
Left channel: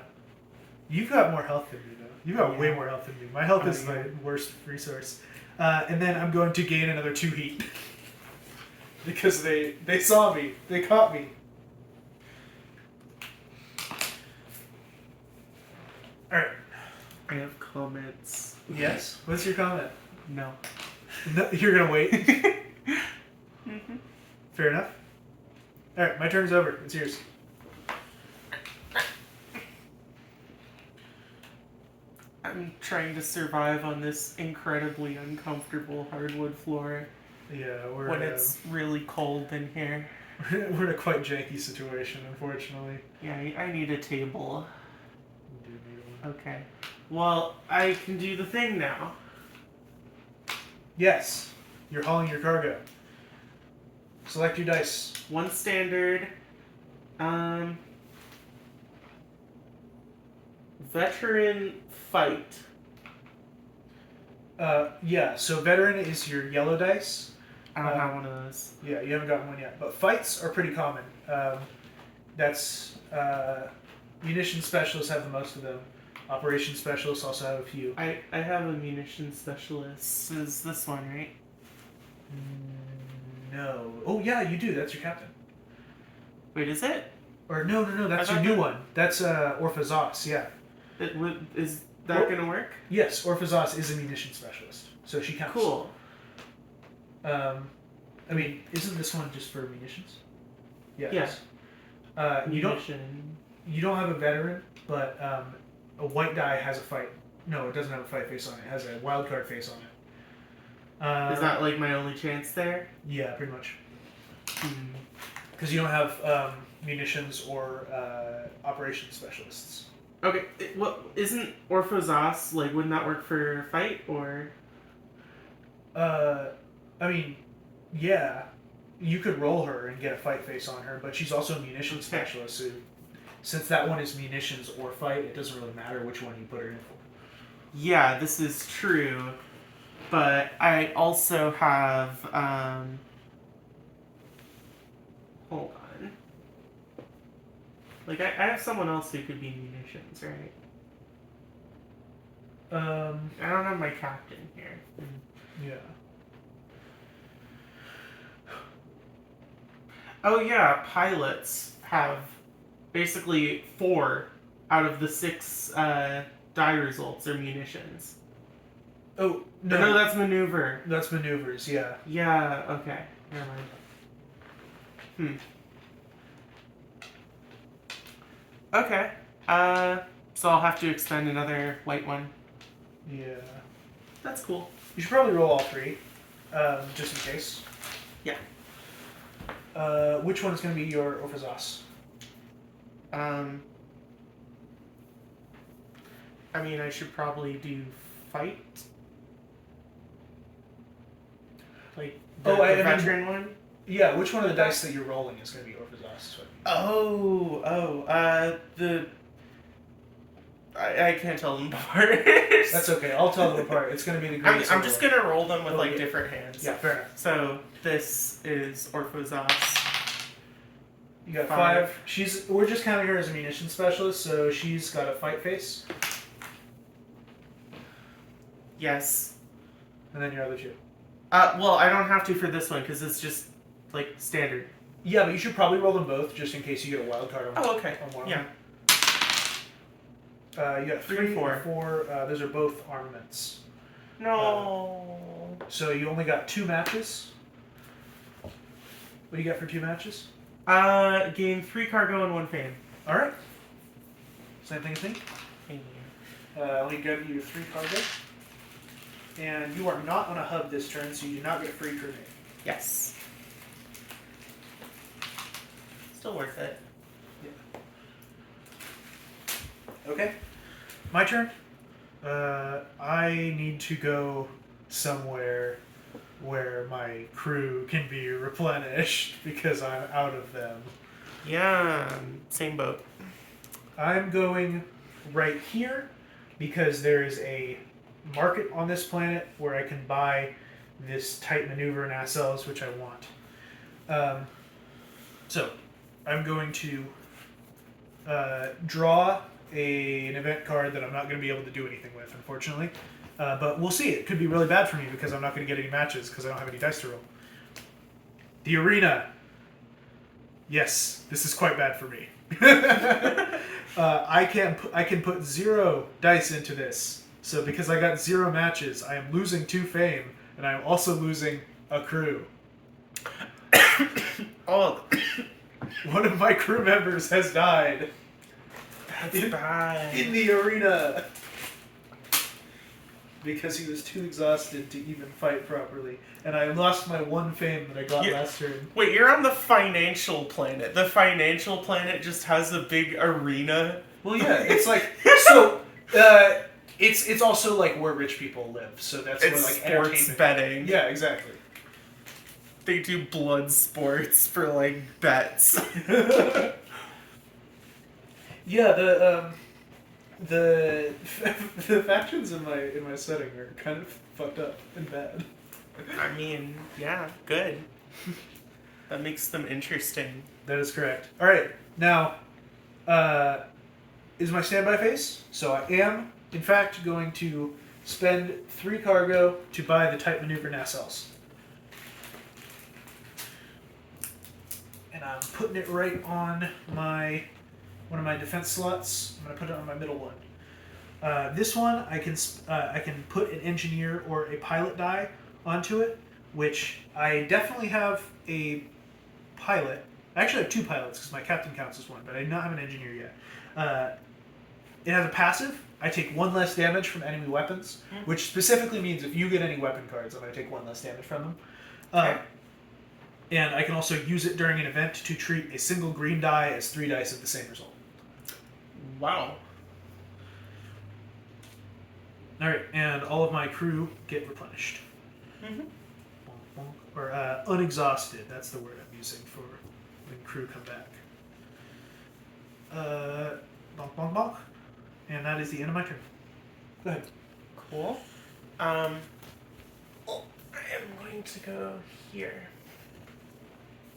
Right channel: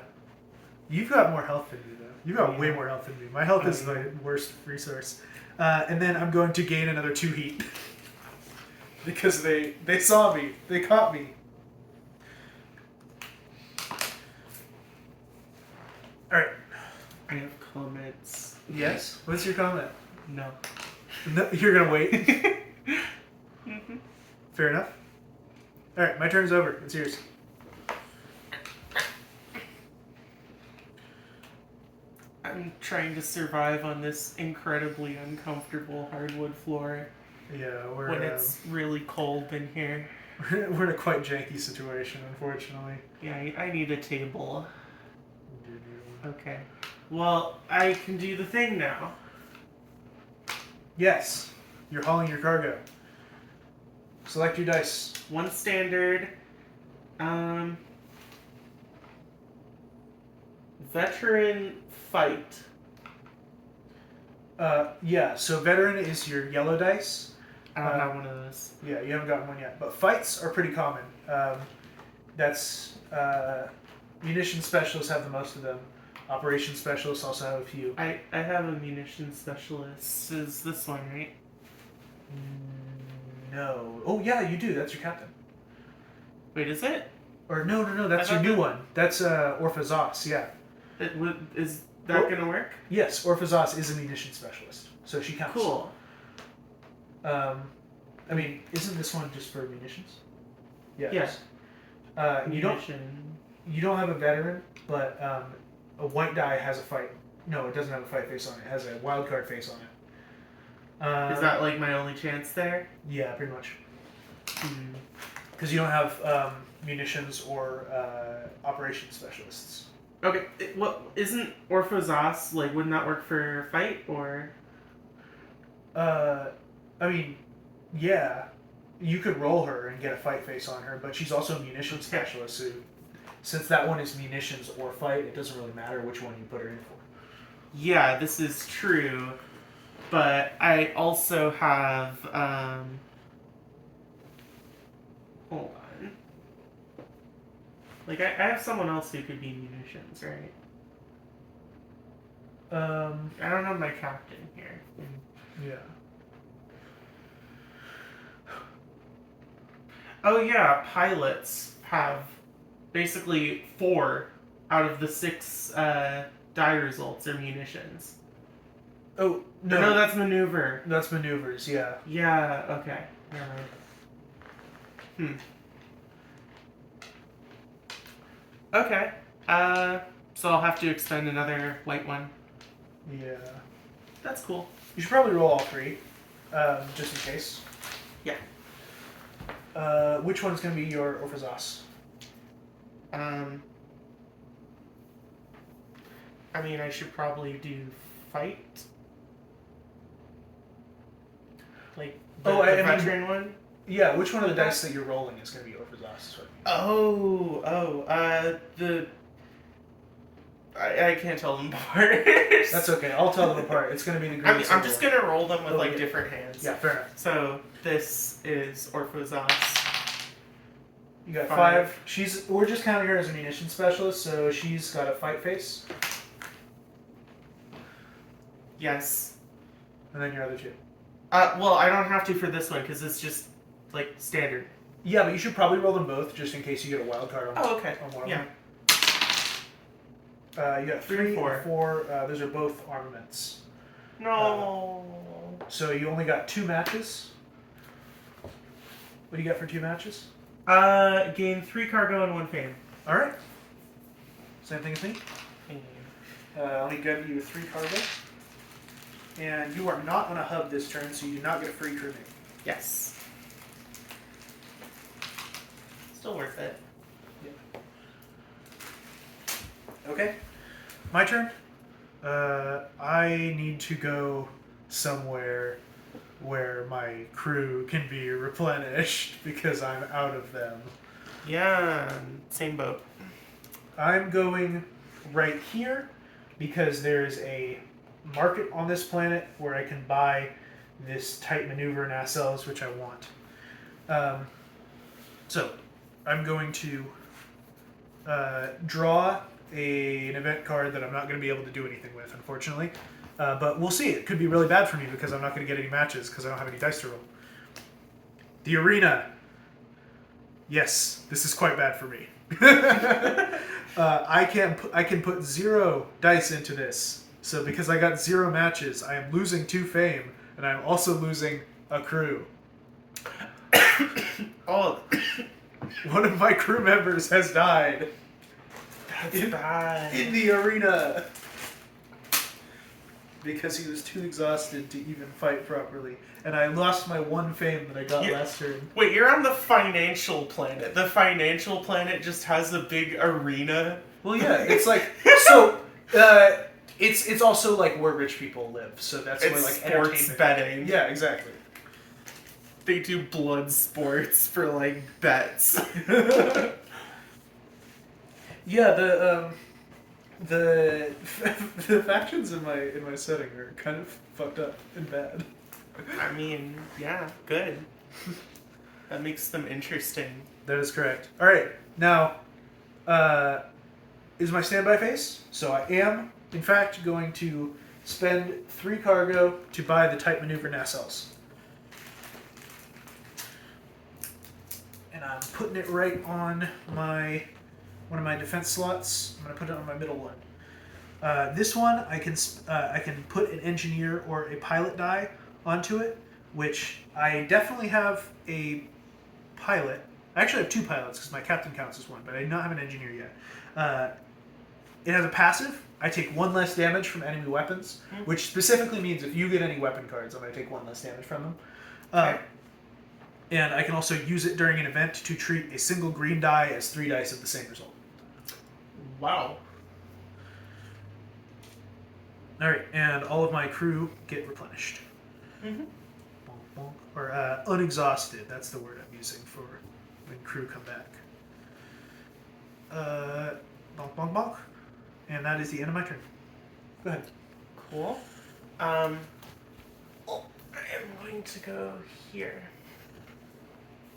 You've got more health than me, though. You've got way more health than me. My health is my worst resource. And then I'm going to gain another 2 heat. Because they saw me. They caught me. Alright. I have comments. Yes? What's your comment? No. No, you're going to wait? Mm-hmm. Fair enough. Alright, my turn's over. It's yours. I'm trying to survive on this incredibly uncomfortable hardwood floor Yeah, when it's really cold in here. We're in a quite janky situation, unfortunately. Yeah, I need a table. We do need one. Okay. Well, I can do the thing now. Yes, you're hauling your cargo. Select your dice. One standard. Veteran fight. Yeah, so veteran is your yellow dice. I don't have one of those. Yeah, you haven't gotten one yet. But fights are pretty common. That's munitions specialists have the most of them. Operations specialists also have a few. I have a munitions specialist. Is this one, right? No. Oh yeah, you do. That's your captain. Wait, is it? Or no, that's your new one. That's Orphazos. Yeah. Is that gonna work? Yes, Orphazos is a munitions specialist, so she counts. Cool. I mean, isn't this one just for munitions? Yeah. Yeah. You don't have a veteran, but a white die has a fight. No, it doesn't have a fight face on it. It has a wild card face on it. Is that like my only chance there? Yeah, pretty much. Because you don't have munitions or operations specialists. Okay. What isn't Orphazos like? Wouldn't that work for fight or? I mean, yeah, you could roll her and get a fight face on her, but she's also a munitions specialist. So since that one is munitions or fight, it doesn't really matter which one you put her in for. Yeah, this is true, but I also have hold on. Like I have someone else who could be munitions, right? I don't have my captain here. Yeah. Oh yeah, pilots have basically 4 out of the 6 die results are munitions. Oh no, No, that's maneuver. that's maneuvers. Yeah. Yeah. Okay. Never mind. Okay. So I'll have to expend another white one. Yeah. That's cool. You should probably roll all 3, just in case. Yeah. Which one is going to be your Orphazos? I mean, I should probably do fight. Like the veteran one. Yeah, which one of the dice that you're rolling is going to be Orphazos? I can't tell them apart. That's okay. I'll tell them apart. It's going to be the green. I'm just gonna roll them with Okay. different hands. Yeah, fair enough. So this is Orphazos. You got 5. We're just counting her as a munition specialist, so she's got a fight face, Yes. and then your other 2. Well, I don't have to for this one because it's just like standard. Yeah, but you should probably roll them both just in case you get a wild card on. Oh, okay. On one of Yeah. them. You got 3 4. and 4. Those are both armaments. No. So you only got 2 matches. What do you got for 2 matches? Gain 3 cargo and 1 fame. All right. Same thing as me. Fame. Let me give you 3 cargo. And you are not on a hub this turn, so you do not get free crewmate. Yes. Still worth it. Okay. My turn. I need to go somewhere where my crew can be replenished because I'm out of them. Yeah, same boat. I'm going right here because there is a market on this planet where I can buy this tight maneuver nacelles, which I want. So I'm going to draw an event card that I'm not going to be able to do anything with, unfortunately. But we'll see. It could be really bad for me because I'm not going to get any matches because I don't have any dice to roll. The arena. Yes, this is quite bad for me. I can put 0 dice into this. So because I got 0 matches, I am losing 2 fame, and I'm also losing a crew. Oh, One of my crew members has died that's bad. in the arena. because he was too exhausted to even fight properly. And I lost my one fame that I got Yeah. last turn. Wait, you're on the financial planet. The financial planet just has a big arena. Well, yeah, it's like so. It's also like where rich people live, so that's where It's like sports entertainment. betting. Yeah, exactly. They do blood sports for like bets. Yeah, the the factions in my setting are kind of fucked up and bad. I mean, yeah, good. That makes them interesting. That is correct. All right, now is my standby phase. So I am, in fact, going to spend 3 cargo to buy the type maneuver nacelles. And I'm putting it right on one of my defense slots. I'm going to put it on my middle one. This one I can put an engineer or a pilot die onto it, which I definitely have a pilot. I actually have 2 pilots because my captain counts as one, but I do not have an engineer yet. It has a passive. I take 1 less damage from enemy weapons, which specifically means if you get any weapon cards, I'm going to take 1 less damage from them. Okay. And I can also use it during an event to treat a single green die as 3 dice of the same result. Wow. Alright, and all of my crew get replenished. Mm-hmm. Bonk, bonk. Or unexhausted, that's the word I'm using for when crew come back. Bonk, bonk, bonk. And that is the end of my turn. Go ahead. Cool. I am going to go here.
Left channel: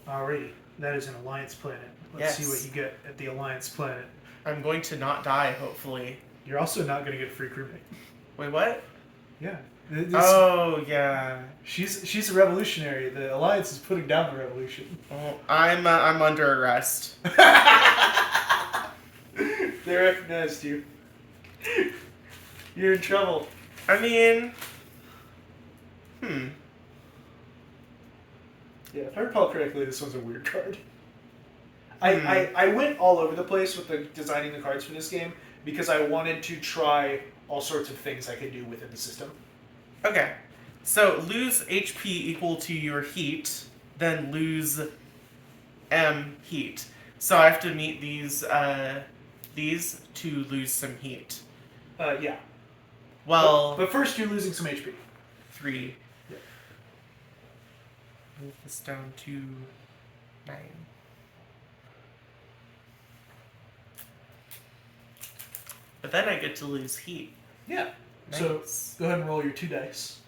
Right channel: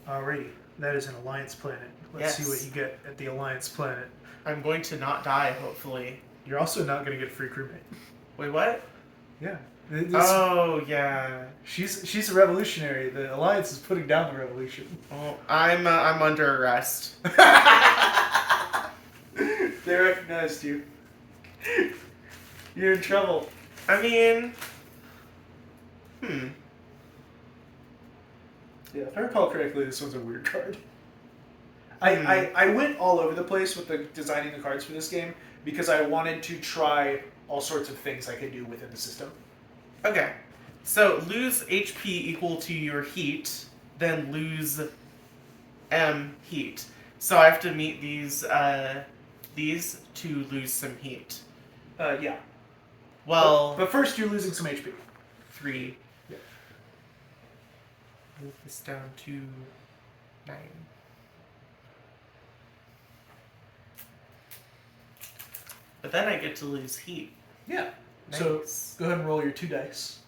Alrighty, that is an Alliance planet. Let's see Yes. what you get at the Alliance planet. I'm going to not die, hopefully. You're also not going to get a free crewmate. Wait, what? Yeah. Oh, yeah. She's a revolutionary. The Alliance is putting down the revolution. Well, I'm under arrest. They recognized you. You're in trouble. I mean, Yeah, if I recall correctly, this one's a weird card. I went all over the place with the designing the cards for this game because I wanted to try all sorts of things I could do within the system. Okay. So lose HP equal to your heat, then lose M heat. So I have to meet these to lose some heat. Yeah. Well, But first you're losing some HP. 3. Yeah. Move this down to 9. But then I get to lose heat. Yeah. Nice. So go ahead and roll your 2 dice.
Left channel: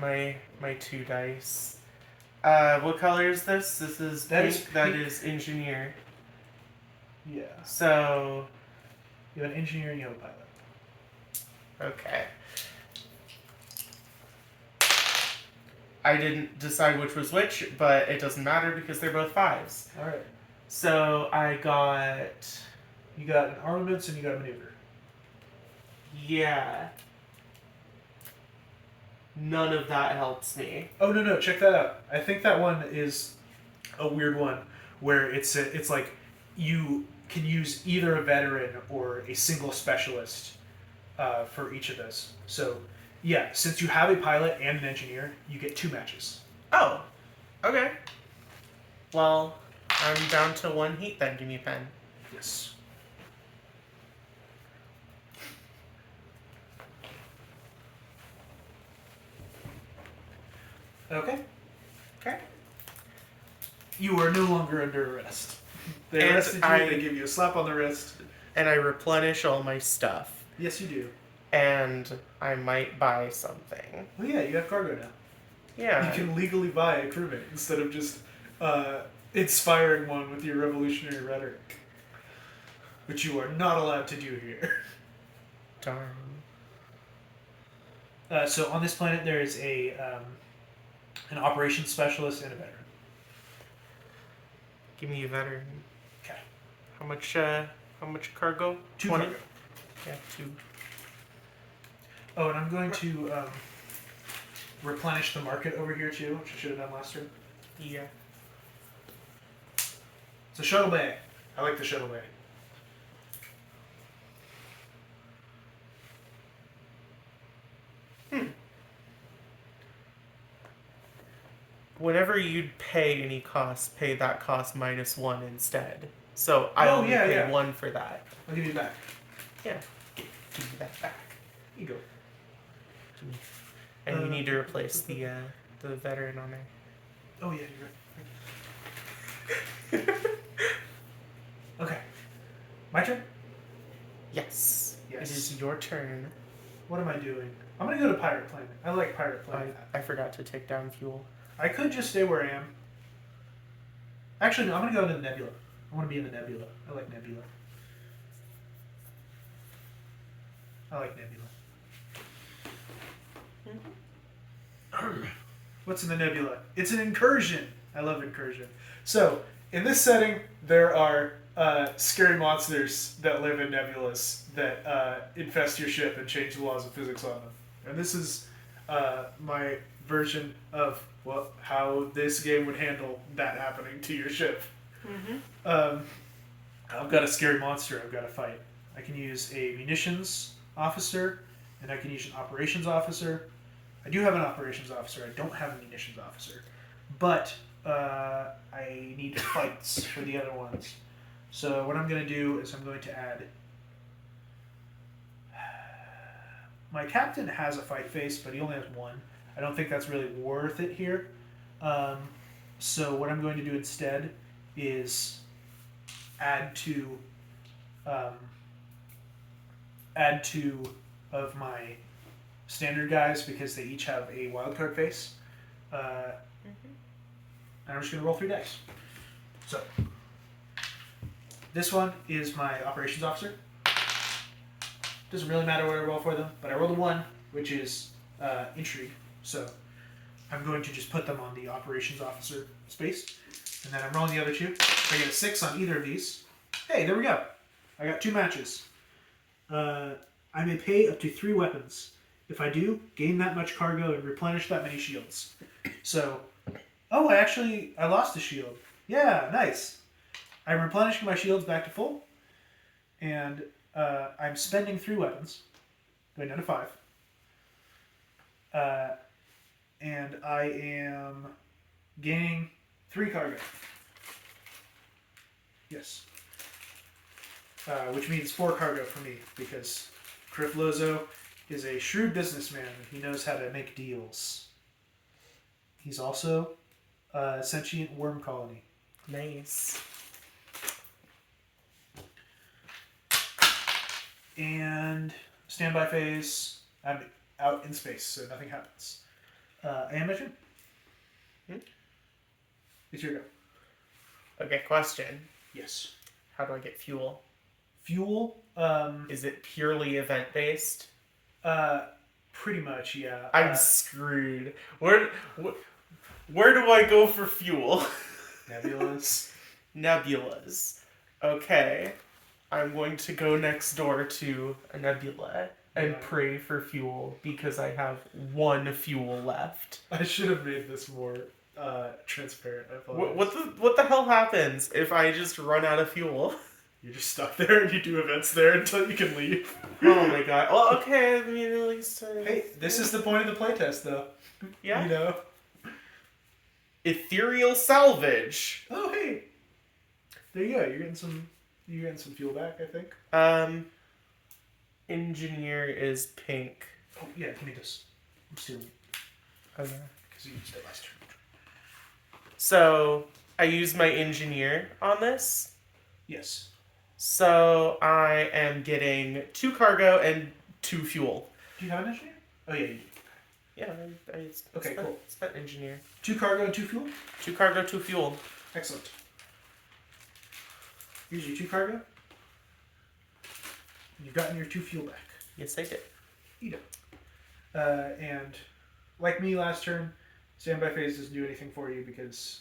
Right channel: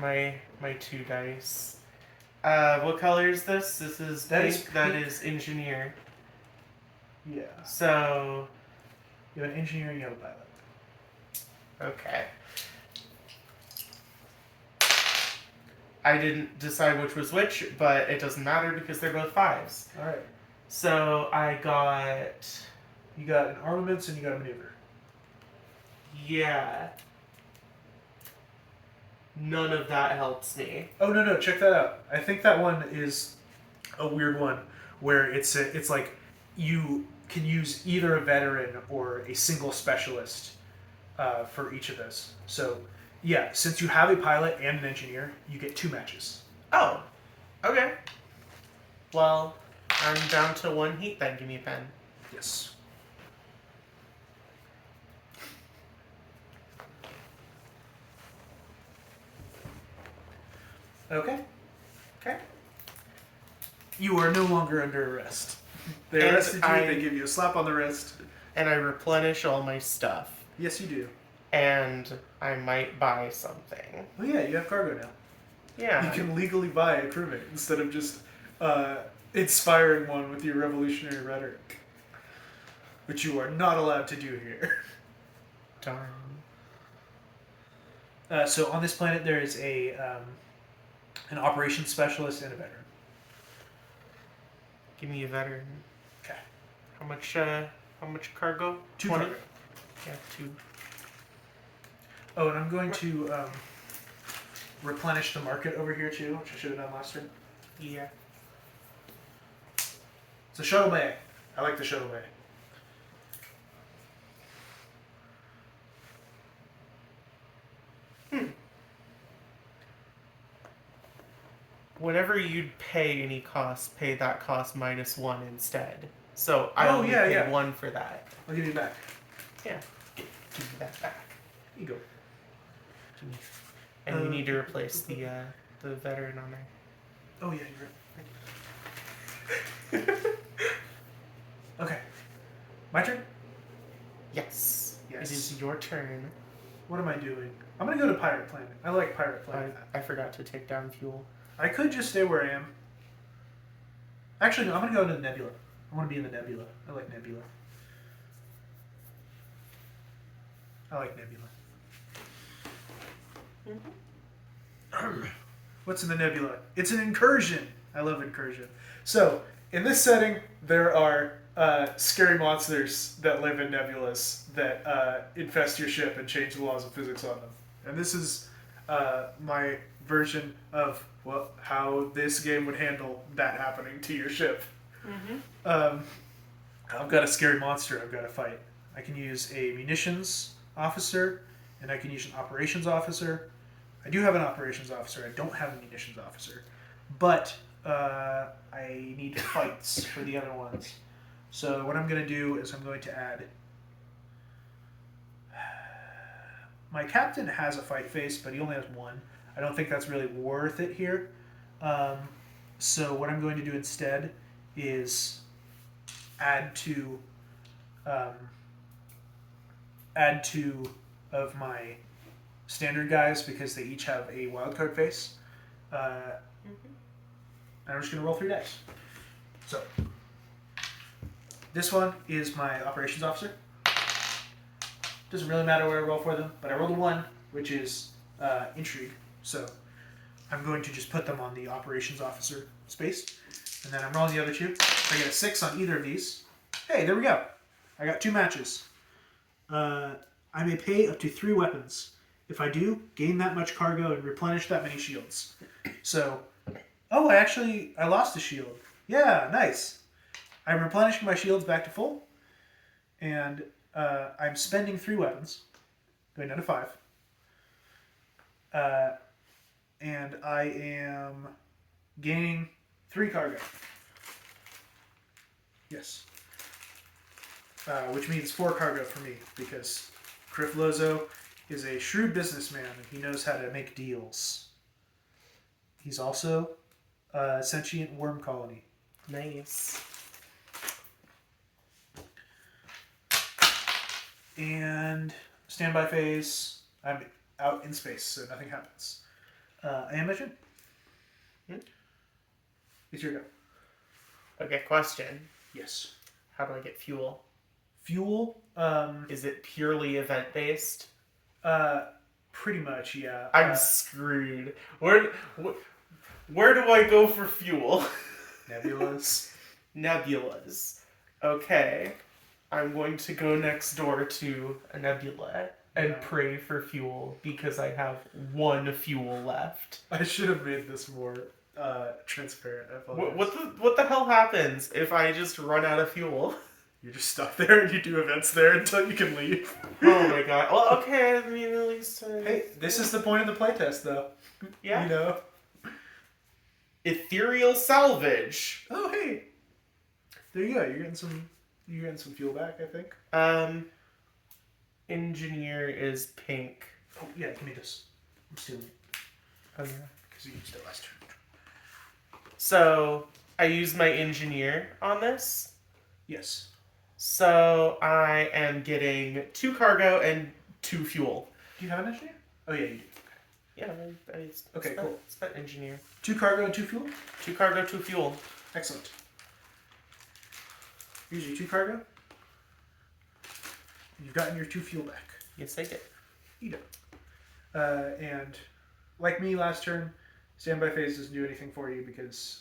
My 2 dice. What color is this? This is That pink. is That pink. is engineer. Yeah. So You have an engineer and you have a pilot. okay. I didn't decide which was which, but it doesn't matter because they're both 5s. Alright. So I got You got an armaments and you got a maneuver. yeah. None of that helps me. Oh no, check that out. I think that one is a weird one where it's like you can use either a veteran or a single specialist for each of those. So yeah, since you have a pilot and an engineer, you get 2 matches. Oh, okay. Well, I'm down to 1 heat then. Give me a pen. Yes. Okay. Okay. You are no longer under arrest. They And arrested you, I- they give you a slap on the wrist. And I replenish all my stuff. Yes, you do. And I might buy something. Well, yeah, you have cargo now. Yeah. You can legally buy a crewmate instead of just inspiring one with your revolutionary rhetoric. Which you are not allowed to do here. Darn. So on this planet, there is an operations specialist and a veteran. Give me a veteran. Okay. How much cargo? 2 20? cargo. Yeah, 2. Oh, and I'm going to replenish the market over here too, which I should have done last turn. Yeah. It's a shuttle bay. I like the shuttle bay. whenever you'd pay any cost, pay that cost minus 1 instead. So I Oh, only yeah, pay yeah. 1 for that. I'll give you it back. Yeah. Give me that back. Here you go. And you need to replace the veteran on there. Oh, yeah, you're right. Okay. My turn? Yes. Yes. It is your turn. What am I doing? I'm going to go to Pirate Planet. I like Pirate Planet. I forgot to take down fuel. I could just stay where I am. Actually, no, I'm going to go to the Nebula. I want to be in the Nebula. I like Nebula. I like Nebula. What's in the Nebula? It's an incursion. I love incursion. So, in this setting, there are scary monsters that live in nebulas that infest your ship and change the laws of physics on them. And this is my version of how this game would handle that happening to your ship. I've got a scary monster I've got to fight. I can use a munitions officer, and I can use an operations officer. I do have an operations officer. I don't have a munitions officer. But I need fights for the other ones. So what I'm going to do is I'm going to add... My captain has a fight face, but he only has one. I don't think that's really worth it here. So what I'm going to do instead is add two of my standard guys because they each have a wildcard face. I'm just going to roll 3 dice. So, this one is my operations officer. Doesn't really matter what I roll for them, but I rolled a 1, which is intrigue. So, I'm going to just put them on the operations officer space. And then I'm rolling the other 2. If I get a 6 on either of these, hey, there we go. I got 2 matches. I may pay up to 3 weapons. If I do, gain that much cargo and replenish that many shields. So, oh, I lost a shield. Yeah, nice. I'm replenishing my shields back to full. And I'm spending 3 weapons. Going down to 5. And I am gaining 3 cargo. Yes. Which means 4 cargo for me, because Criff Lozo is a shrewd businessman and he knows how to make deals. He's also a sentient worm colony. Nice. And standby phase, I'm out in space, so nothing happens. Animation? It's your go. Okay, question. Yes. How do I get fuel? Fuel? Is it purely event-based? Pretty much, yeah. I'm screwed. Where do I go for fuel? Nebulas. Nebulas. Okay. I'm going to go next door to a nebula and pray for fuel because I have 1 fuel left. I should have made this more transparent. I apologize. What the hell happens if I just run out of fuel? You just stop there and you do events there until you can leave. Oh my god. Well, okay, I mean, at least... Hey, this is the point of the playtest, though. Yeah. You know? Ethereal salvage. Oh, hey. There you go. You're getting some fuel back, I think. Engineer is pink. Oh, yeah, give me this. I'm stealing it. Okay. Because you used it last turn. So, I use my engineer on this. Yes. So, I am getting 2 cargo and 2 fuel. Do you have an engineer? Oh, yeah, you do. Yeah, Okay, cool. Spent engineer. 2 cargo and 2 fuel? 2 cargo, 2 fuel. Excellent. Here's your 2 cargo. You've gotten your 2 fuel back. Yes, I did. You do. And like me last turn, standby phase doesn't do anything for you because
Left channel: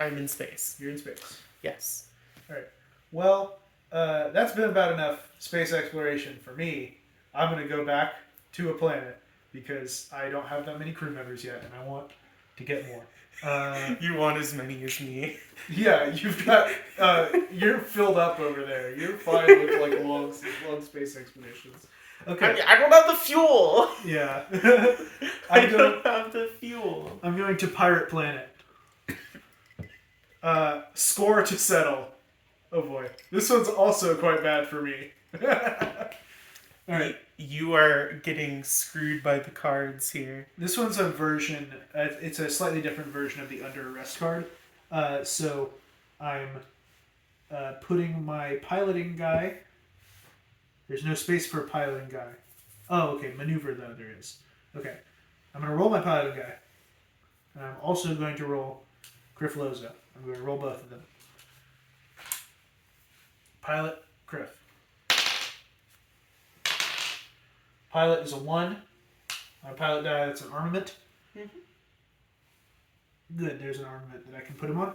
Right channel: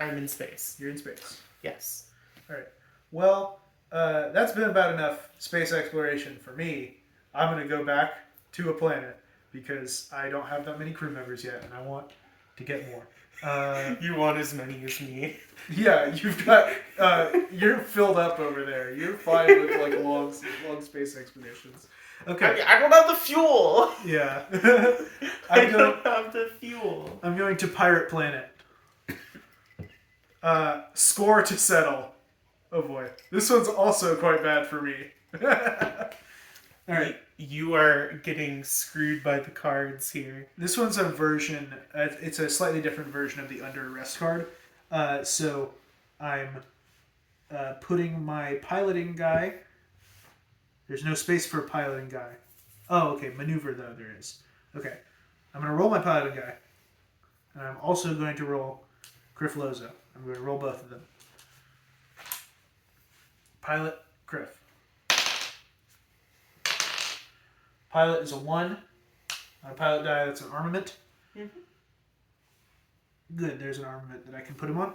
I'm in space. you're in space. Yes. All right. Well, that's been about enough space exploration for me. I'm going to go back to a planet because I don't have that many crew members yet, and I want to get more. You want as many as me. Yeah, you've got you're filled up over there. You're fine with like long space expeditions. Okay. I don't have the fuel. Yeah. I don't have the fuel. I'm going to Pirate Planet. Score to settle. Oh boy. This one's also quite bad for me. Alright. You are getting screwed by the cards here. This one's a version, it's a slightly different version of the Under Arrest card. So I'm putting my piloting guy. There's no space for a piloting guy. Oh, okay. Maneuver, though, there is. Okay. I'm going to roll my piloting guy. And I'm also going to roll Grifflozo. I'm going to roll both of them. Pilot, Griff. Pilot is a 1. On a pilot die, that's an armament. Good, there's an armament that I can put him on.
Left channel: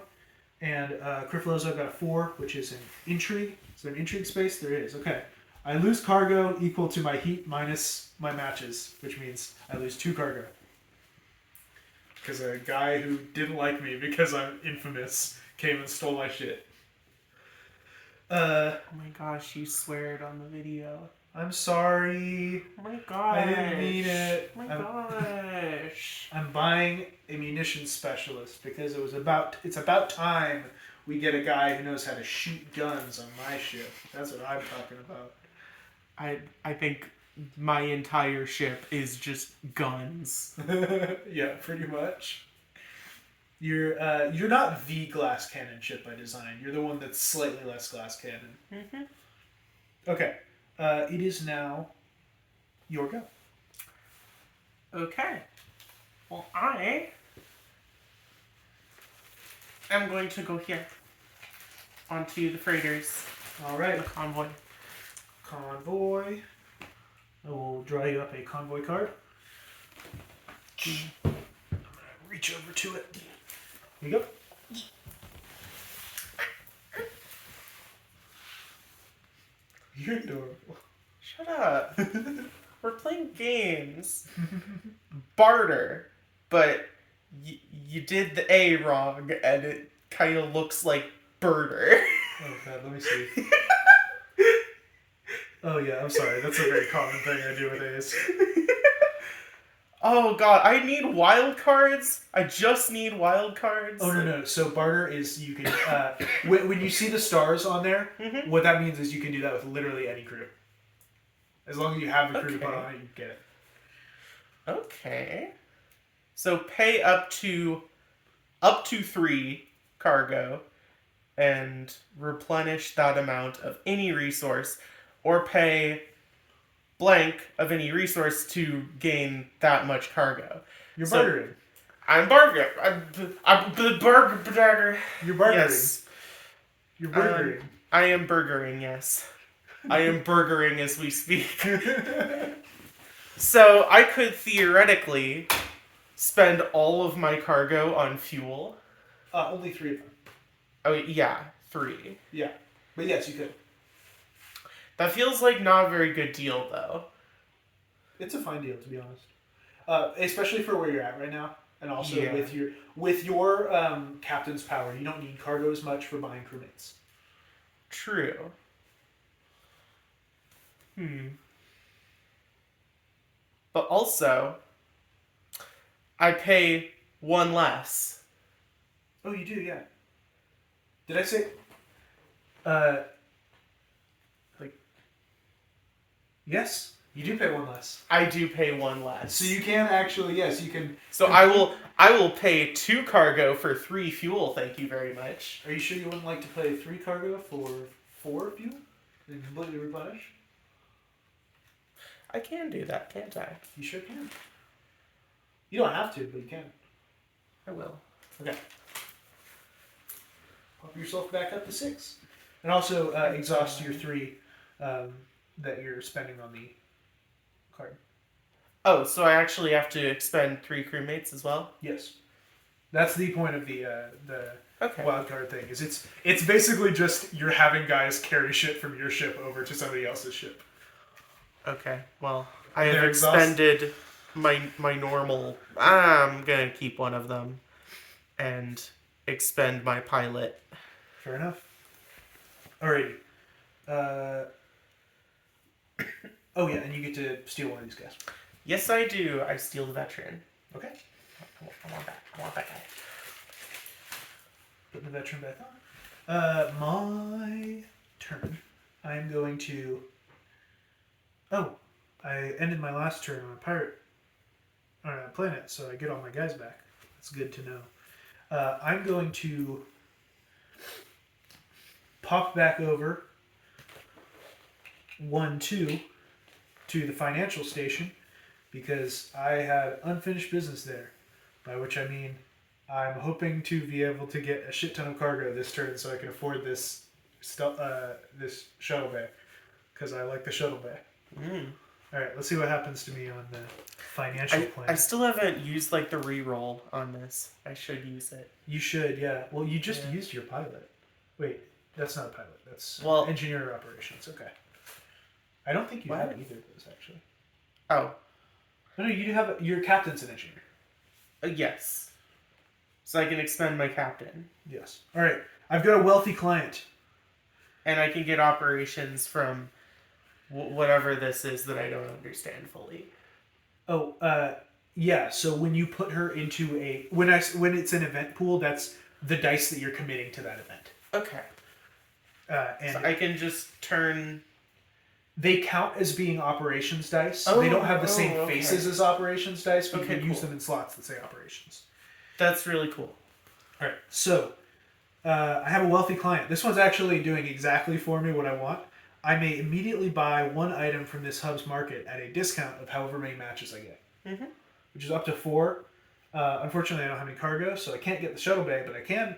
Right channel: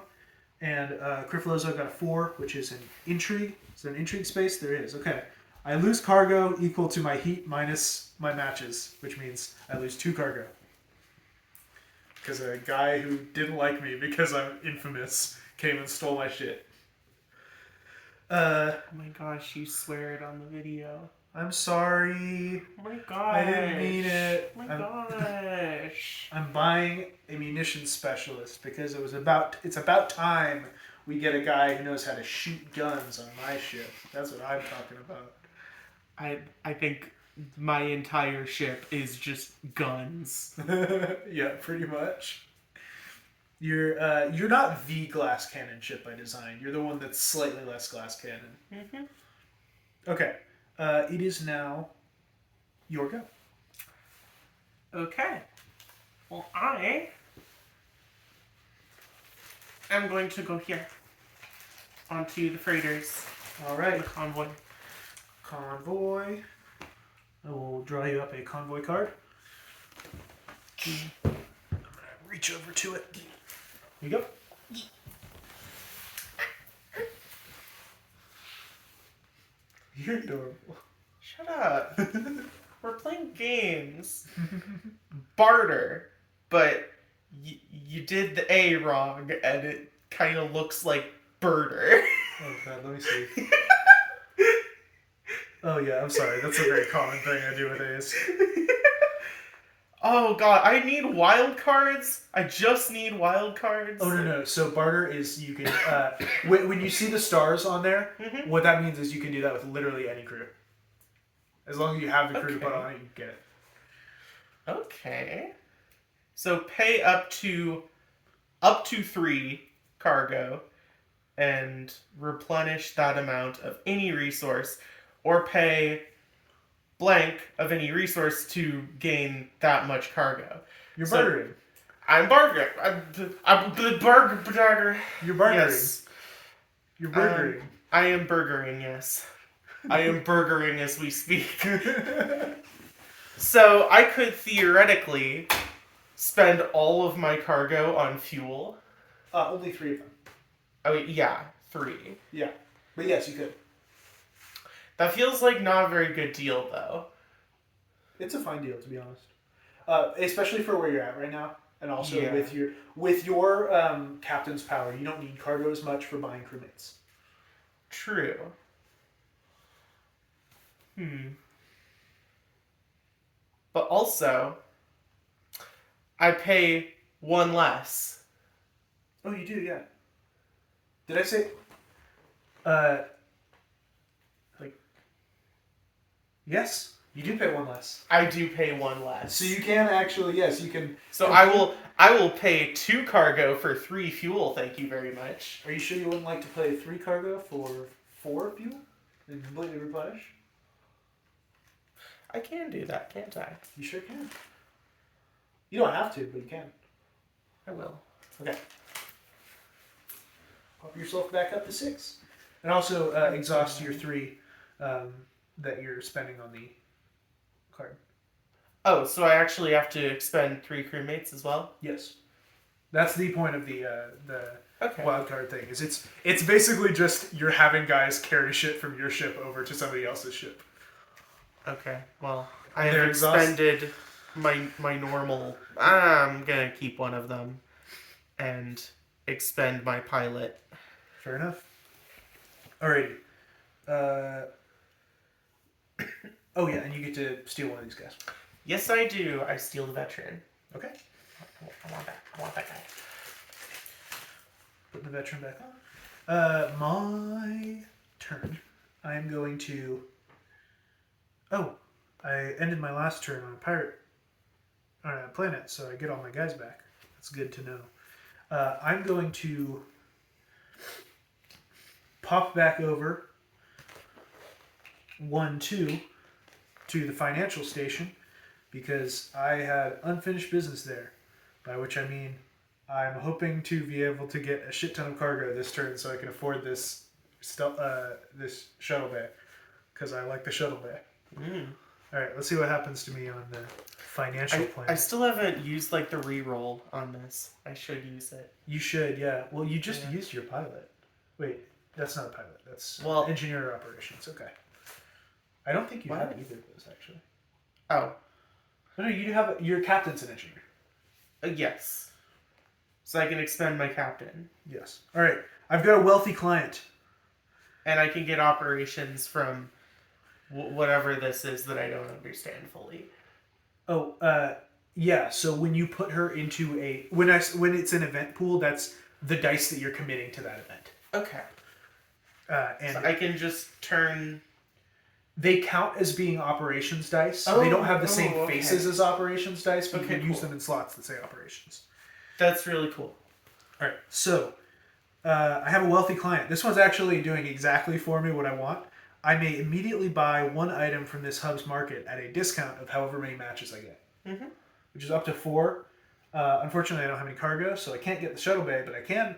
And Grifflozo got a 4, which is an intrigue. Is there an intrigue space? There is. Okay. I lose cargo equal to my heat minus my matches, which means I lose 2 cargo. Because a guy who didn't like me because I'm infamous came and stole my shit. Oh my gosh, you swear it on the video. I'm sorry. Oh my gosh. I didn't mean it. Oh my gosh. I'm buying a munitions specialist because it's about time we get a guy who knows how to shoot guns on my ship. That's what I'm talking about. I think my entire ship is just guns. Yeah, pretty much. You're not the glass cannon ship by design. You're the one that's slightly less glass cannon. Mm-hmm. Okay. It is now your go. Okay. Well, I am going to go here. Onto the freighters. Alright. The convoy. Convoy. I will draw you up a convoy card. Reach over to it. Here you go. You're adorable. Shut up. We're playing games. Barter. But you did the A wrong, and it kind of looks like birder. Oh god, let me see. Oh yeah, I'm sorry. That's a very common thing I do with A's. Oh god, I need wild cards. I just need wild cards. Oh no. So barter is you can when you see the stars on there, what that means is you can do that with literally any crew. As long as you have the crew to put on it, you get it. Okay. So pay up to 3 cargo and replenish that amount of any resource, or pay blank of any resource to gain that much cargo. You're bartering. I'm bartering. I'm the burger. You're bartering. Yes. You're burgering. I am burgering, yes. I am burgering as we speak. So I could theoretically spend all of my cargo on fuel. Only 3 of them. Oh, yeah, 3. Yeah. But yes, you could. That feels like not a very good deal, though. It's a fine deal, to be honest. Especially for where you're at right now. And also Yeah. with your captain's power, you don't need cargo as much for buying crewmates. True. But also, I pay 1 less. Oh, you do, yeah. Did I say... Yes, you do pay 1 less. I do pay 1 less. So you can actually, yes, you can... So I will pay 2 cargo for 3 fuel, thank you very much. Are you sure you wouldn't like to pay 3 cargo for 4 fuel? And completely replenish? I can do that, can't I? You sure can. You don't have to, but you can. I will. Okay. Pop yourself back up to 6. And also exhaust your 3 that you're spending on the card. Oh, so I actually have to expend 3 crewmates as well? Yes. That's the point of the Okay. wild card thing. Is it's basically just you're having guys carry shit from your ship over to somebody else's ship. Okay. Well, I They're have exhausted. expended my normal. I'm gonna keep one of them, and expend my pilot. Fair enough. Alrighty. Oh yeah, and you get to steal one of these guys. Yes, I do. I steal the veteran. Okay. I want that. I want that guy. Put the veteran back on. My turn. I'm going to. Oh, I ended my last turn on a pirate on a planet, so I get all my guys back. That's good to know. I'm going to pop back over 1-2 to the financial station because I had unfinished business there. By which I mean I'm hoping to be able to get a shit ton of cargo this turn so I can afford this shuttle bay because I like the shuttle bay. Mm. All right, let's see what happens to me on the financial plan. I still haven't used like the reroll on this. I should use it. You should, yeah. Well, you just used your pilot. Wait, that's not a pilot. That's engineer operations. Okay. I don't think you have either of those actually. Oh. No, you do have your captain's an engineer. Yes. So I can expend my captain. Yes. All right. I've got a wealthy client. And I can get operations from whatever this is that I don't understand fully. Oh, yeah. So when you put her into when it's an event pool, that's the dice that you're committing to that event. Okay. And so I can just turn. They count as being operations dice. They don't have the same faces as operations dice, but you can use them in slots that say operations. That's really cool. All right. So I have a wealthy client. This one's actually doing exactly for me what I want. I may immediately buy one item from this hub's market at a discount of however many matches I get, which is up to 4. Unfortunately, I don't have any cargo, so I can't get the shuttle bay, but I can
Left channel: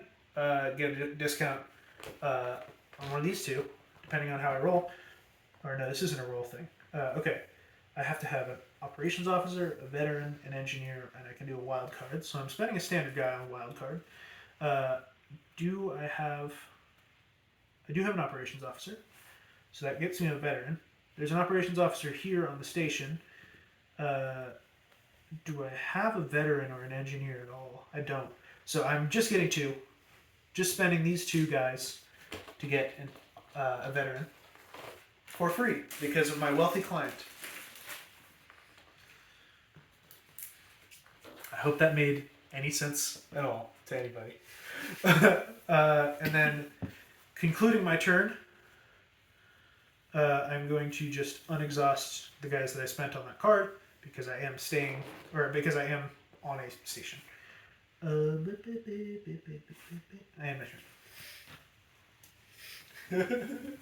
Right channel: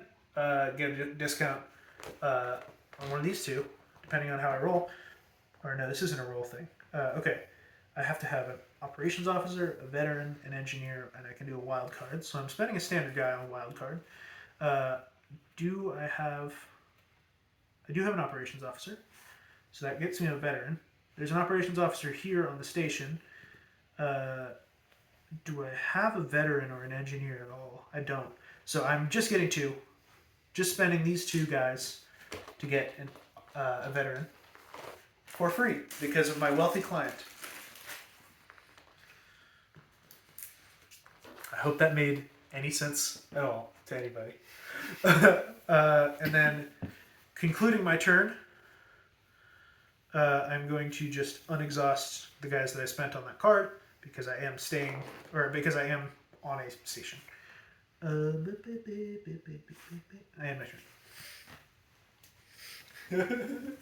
get a discount on one of these two, depending on how I roll. Or no, this isn't a roll thing. Okay, I have to have an operations officer, a veteran, an engineer, and I can do a wild card. So I'm spending a standard guy on a wild card. I do have an operations officer. So that gets me a veteran. There's an operations officer here on the station. Do I have a veteran or an engineer at all? I don't. So I'm just getting 2. Just spending these 2 guys to get a veteran for free because of my wealthy client. I hope that made any sense at all to anybody. And then concluding my turn, I'm going to just unexhaust the guys that I spent on that card because I am on a station. I end my turn.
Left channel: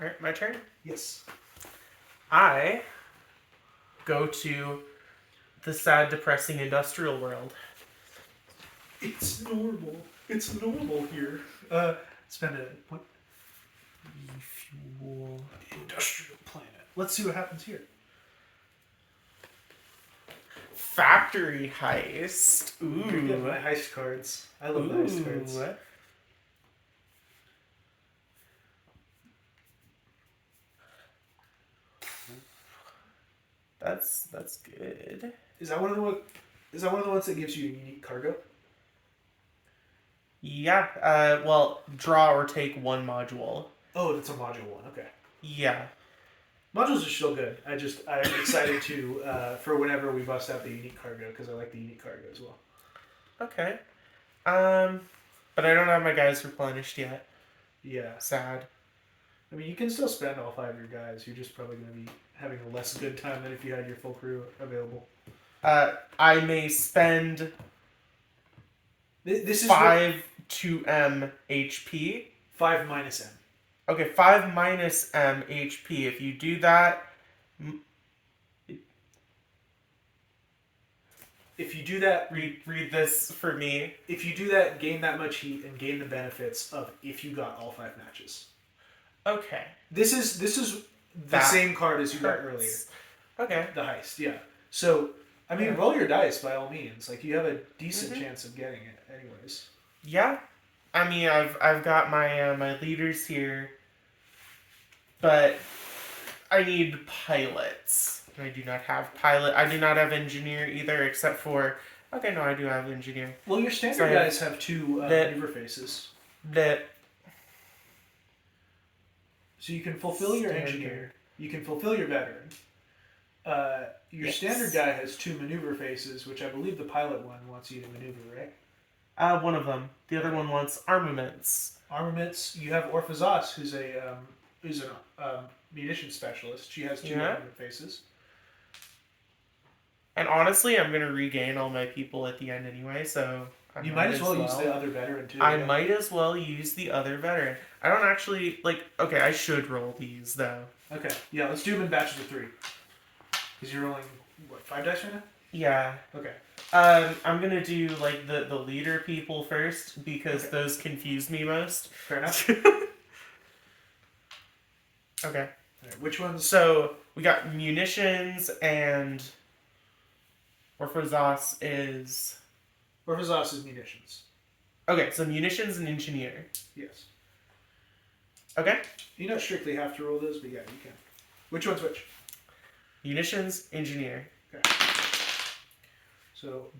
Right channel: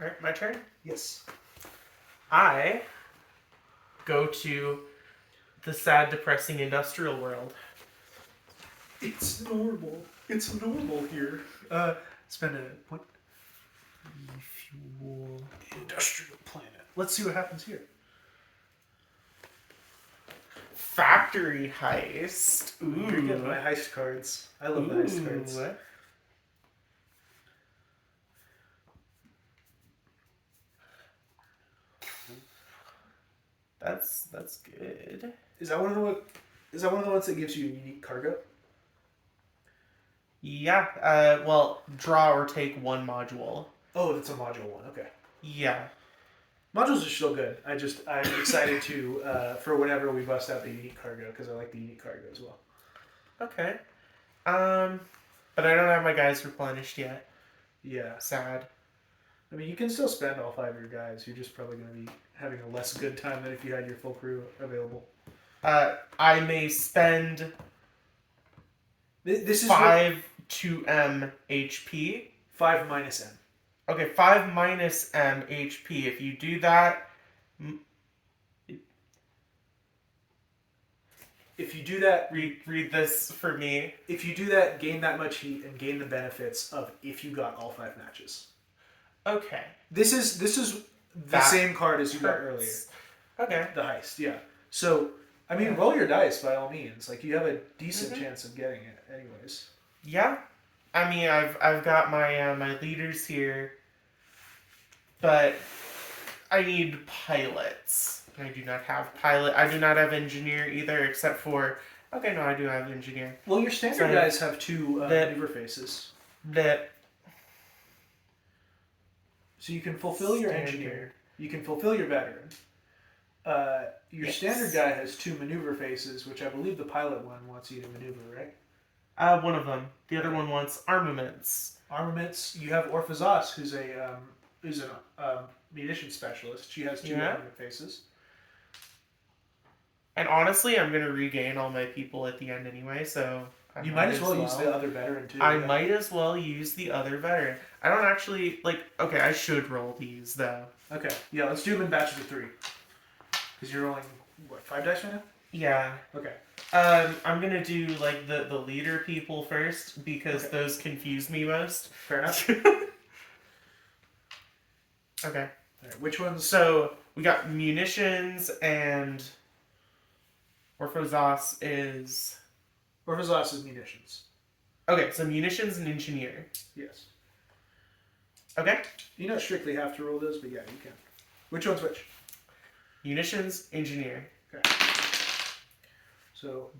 Alright, my turn? Yes. I go to the sad, depressing industrial world. It's normal. It's normal here. Spend a point. Refuel. Industrial planet. Let's see what happens here. Factory heist. Ooh. Get my heist cards. I love the heist cards. That's good. Is that one of the ones that gives you unique cargo? Yeah. Well, draw or take one module. Oh, that's a module one. Okay. Yeah. Modules are still good. I'm excited to for whenever we bust out the unique cargo because I like the unique cargo as well. Okay. But I don't have my guys replenished yet. Yeah. Sad. I mean, you can still spend all 5 of your guys. You're just probably going to be having a less good time than if you had your full crew available. I may spend this is 5 to M HP. 5 minus M. Okay, 5 minus M HP. If you do that... If you do that... Read this for me. If you do that, gain that much heat and gain the benefits of if you got all 5 matches. Okay. This is the same card as you got earlier. Okay. The heist, yeah. So, I mean, roll your dice by all means. Like, you have a decent chance of getting it anyways. Yeah. I mean, I've got my my leaders here, but I need pilots. I do not have pilot. I do not have engineer either, except for... Okay, no, I do have engineer. Well, your standard guys have 2 maneuver faces. So you can fulfill your Standard. engineer. You can fulfill your veteran. Your Yes. standard guy has 2 maneuver faces, which I believe the pilot one wants you to maneuver, right? One of them. The other one wants armaments. Armaments. You have Orphazos, who's a munition specialist. She has 2 Yeah. armament faces. And honestly, I'm gonna regain all my people at the end anyway, so You might as well use the other veteran too. I yeah. might as well use the other veteran. I don't actually okay, I should roll these though. Okay. Yeah, let's do them in batches of 3. Because you're rolling what, 5 dice right now? Yeah. Okay. I'm gonna do like the leader people first because Okay. those confuse me most. Fair enough. Okay. Alright, which ones? So we got munitions and Orphazos is Orphazos is munitions. okay. So munitions and engineer. Yes. Okay. You don't strictly have to roll those, but yeah, you can. Which one's which? Munitions, engineer. Okay. So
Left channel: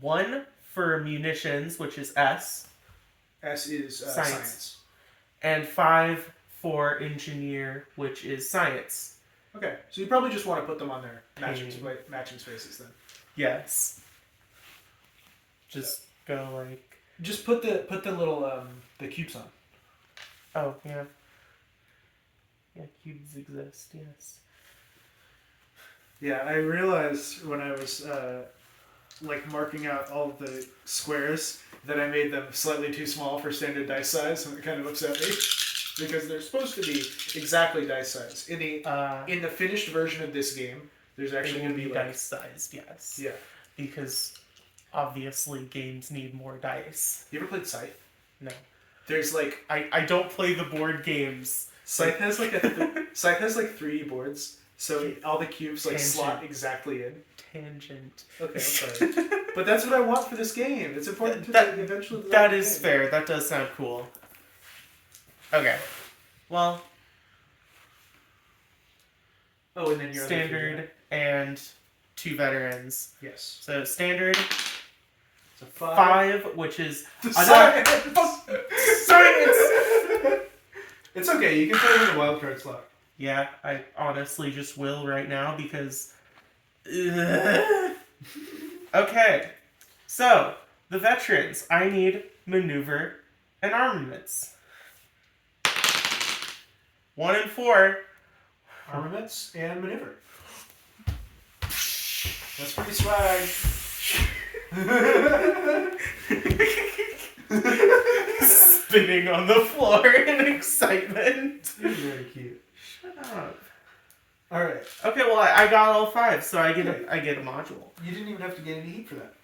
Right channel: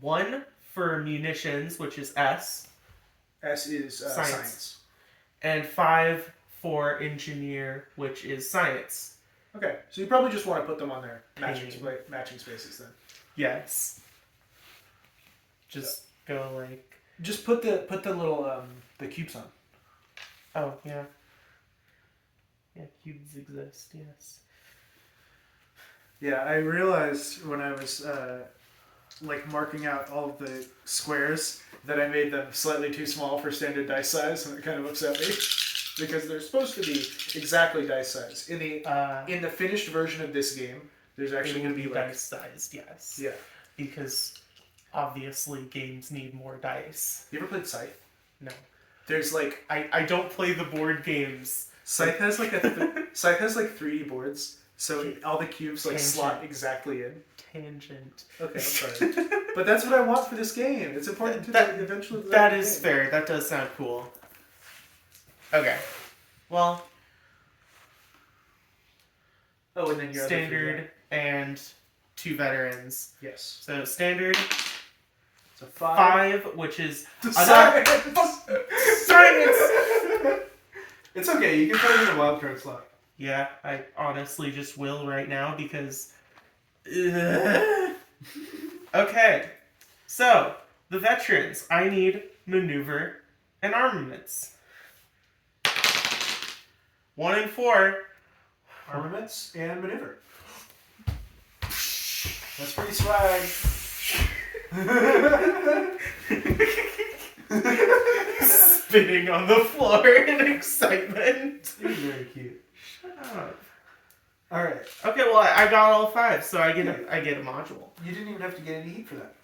1 for munitions, which is S, S is science. and 5 for engineer, which is science. Okay, so you probably just want to put them on their Pain. matching spaces then. Yes. Just go like. Just put the little the cubes on. Oh yeah. Yeah, cubes exist. Yes. Yeah, I realized when I was marking out all of the squares that I made them slightly too small for standard dice size, and it kind of upset me because they're supposed to be exactly dice size. In the finished version of this game, there's actually going to be dice sized. Yes. Yeah. Because obviously games need more dice. You ever played Scythe? No. There's like I don't play the board games. Scythe has like Scythe has like 3D boards, so all the cubes like slot exactly in. Tangent. Okay, I'm sorry, but that's what I want for this game. It's important to eventually. That is fair. That does sound cool. Okay. Well, Oh, and then your standard and 2 veterans. Yes. So standard So 5. 5, which is Science. Science! It's okay. You can put it in a wild card slot. Yeah, I honestly just will right now because. Okay, so the veterans. I need maneuver and armaments. 1 and 4. Armaments and maneuver. That's pretty swag. Spinning on the floor in excitement. You're very cute. Shut up. All right. Okay, well I got all 5, so I get a module. You didn't even have to get any heat for that.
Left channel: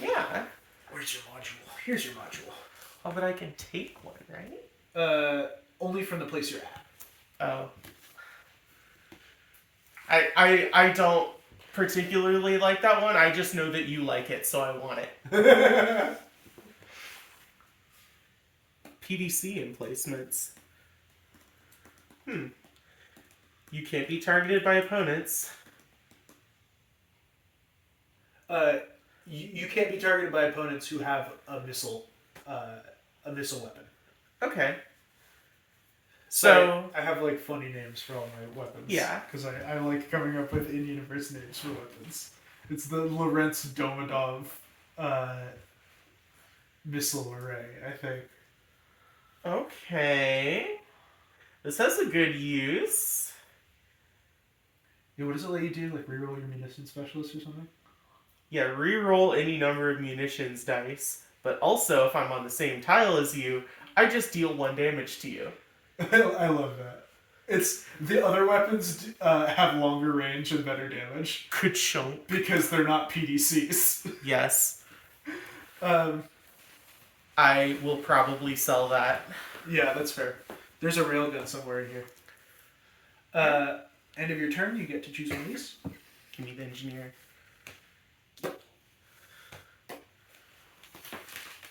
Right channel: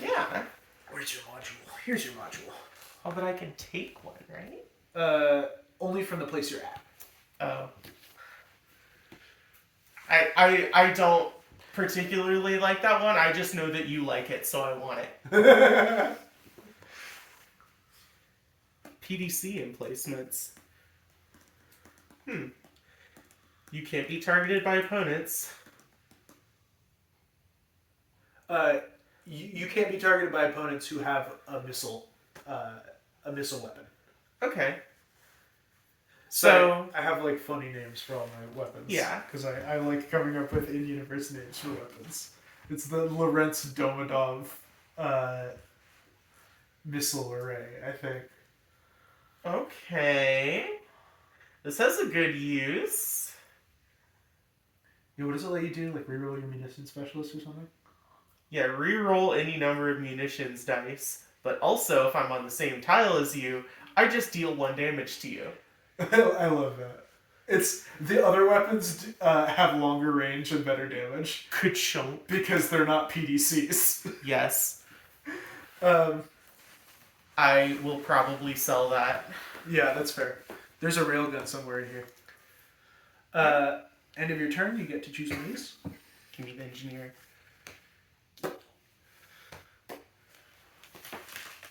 Yeah. Where's your module? Here's your module. Oh, but I can take one, right? Only from the place you're at. Oh. I don't particularly like that one. I just know that you like it, so I want it. PDC emplacements. You can't be targeted by opponents. You can't be targeted by opponents who have a missile weapon. Okay. So I have like funny names for all my weapons. Yeah. Because I like coming up with in-universe names for weapons. It's the Lorenz Domodov missile array, I think. Okay. This has a good use. Yeah, what does it let you do? Like reroll your munition specialist or something? Yeah, reroll any number of munitions dice. But also, if I'm on the same tile as you, I just deal 1 damage to you. I love that. It's the other weapons have longer range and better damage Ka-chunk. because they're not PDCs. Yes. I will probably sell that. Yeah, that's fair. There's a railgun somewhere in here. End of your turn, you get to choose one of these. Give me the engineer.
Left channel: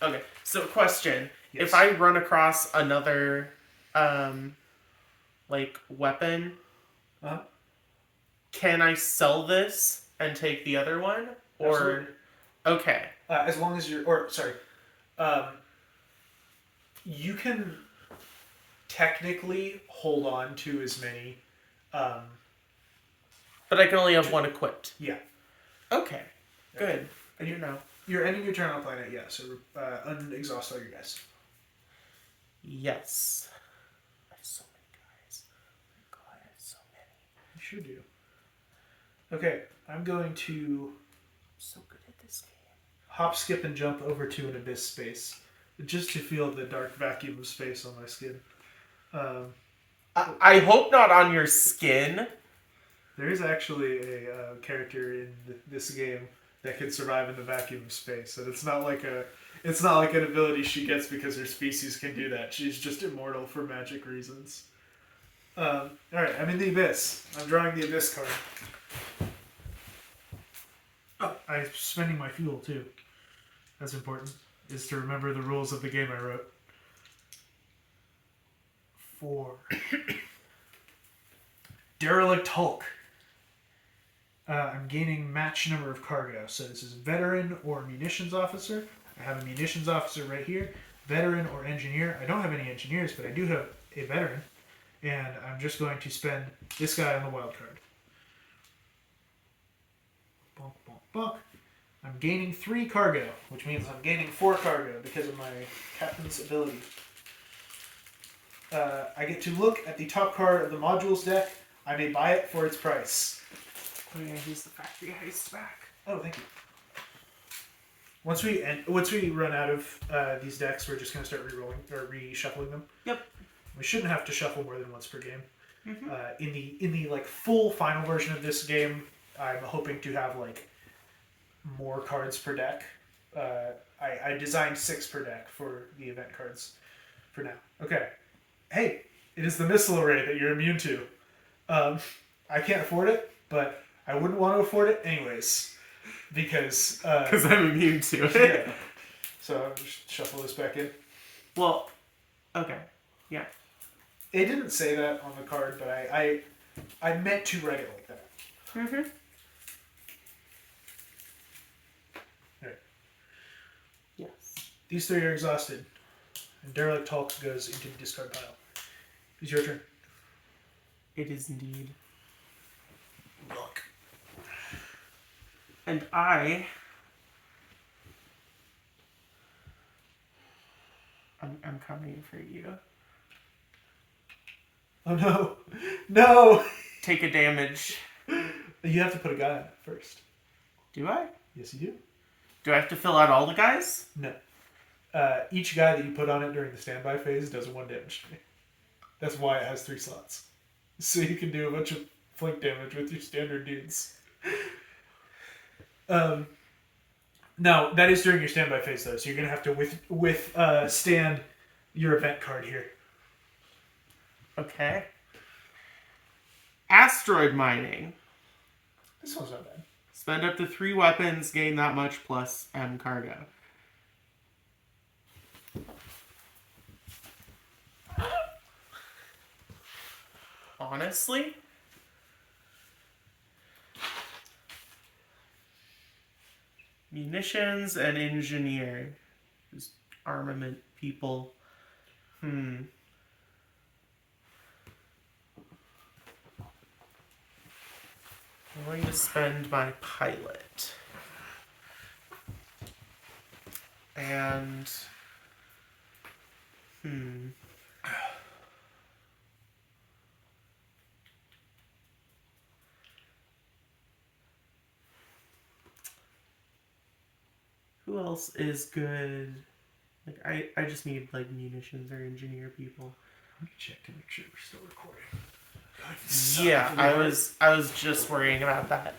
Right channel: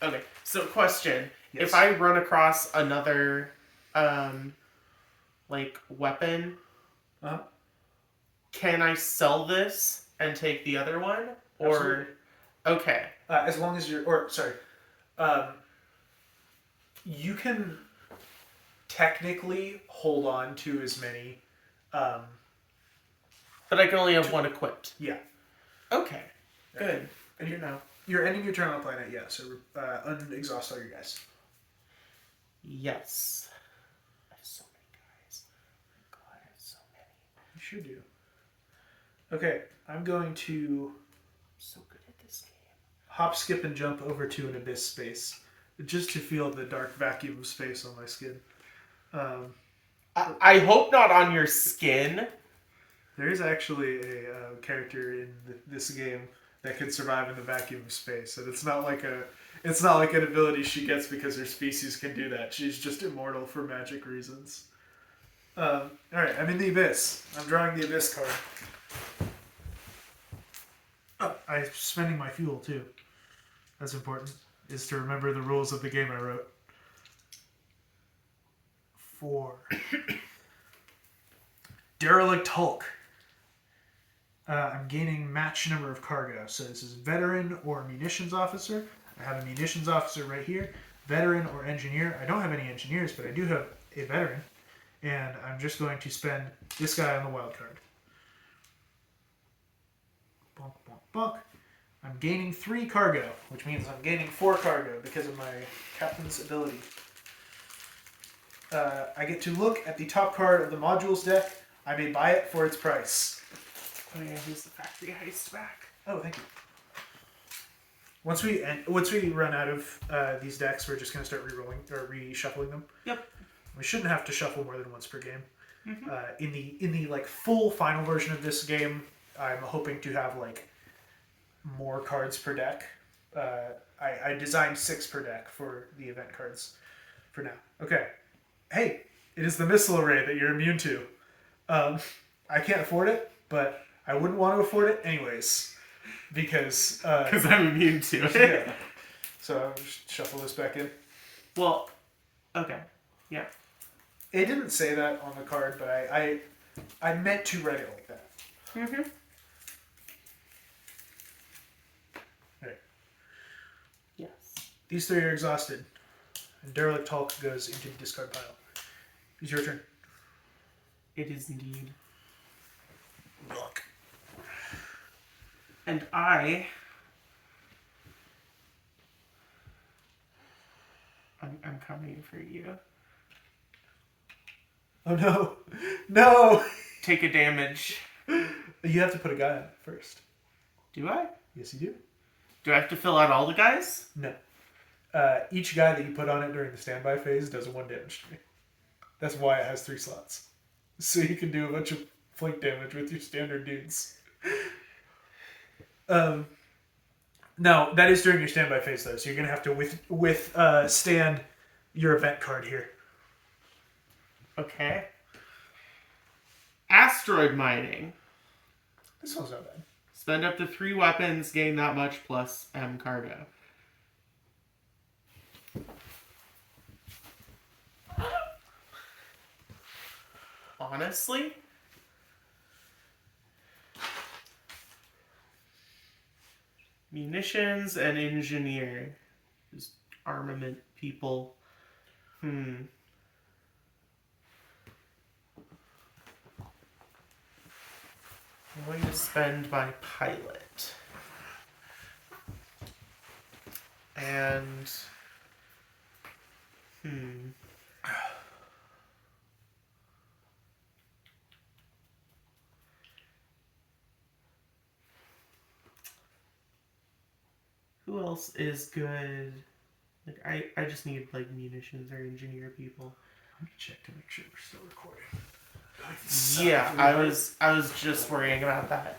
Okay, so question. Yes. If I run across another, weapon, Uh-huh. can I sell this and take the other one? Or, Absolutely. okay. As long as you're, you can technically hold on to as many. But I can only have one equipped. Yeah. Okay. Good. Good to know. You're ending your turn on the planet, yeah. So unexhaust all your guys. Yes. I have so many guys. God, I have so many. You sure do. Okay, I'm going to I'm so good at this game. hop, skip, and jump over to an abyss space, just to feel the dark vacuum of space on my skin. I hope not on your skin. There is actually a character in this game that can survive in the vacuum of space, and it's not like an ability she gets because her species can do that. She's just immortal for magic reasons. All right, I'm in the abyss. I'm drawing the abyss card. Oh, I'm spending my fuel too. That's important. Is to remember the rules of the game I wrote. 4. Derelict Hulk. I'm gaining match number of cargo. So this is veteran or munitions officer. I have a munitions officer right here. Veteran or engineer. I don't have any engineers, but I do have a veteran. And I'm just going to spend this guy on the wild card. Bonk, bonk, bonk. I'm gaining 3 cargo, which means I'm gaining 4 cargo because of my captain's ability. I get to look at the top card of the modules deck. I may buy it for its price. Oh yeah, he's the factory heist back. Oh, thank you. Once we run out of these decks, we're just going to start re-rolling or reshuffling them. Yep. We shouldn't have to shuffle more than once per game. Mm-hmm. In the like full final version of this game, I'm hoping to have like more cards per deck. I designed 6 per deck for the event cards for now. Okay. Hey, it is the missile array that you're immune to. I can't afford it, but I wouldn't want to afford it anyways. Because I'm immune to it. yeah. So I'll just shuffle this back in. Well, okay. Yeah. It didn't say that on the card, but I meant to write it like that. Mm-hmm. Right. Yes. These 3 are exhausted. And Derelict Hulk goes into the discard pile. It's your turn. It is indeed. Look. And I'm coming for you. Oh no. No! Take a damage. You have to put a guy on it first. Do I? Yes, you do. Do I have to fill out all the guys? No. Each guy that you put on it during the standby phase does 1 damage to me. That's why it has 3 slots. So you can do a bunch of flank damage with your standard dudes. No, that is during your standby phase though, so you're gonna have to stand your event card here. Okay. Asteroid mining. This one's not bad. Spend up to 3 weapons, gain that much plus M cargo. Honestly, munitions and engineer, just armament people. I'm going to spend my pilot. And who else is good? Like I just need like munitions or engineer people. Let me check to make sure we're still recording. Yeah, I was just worrying about that.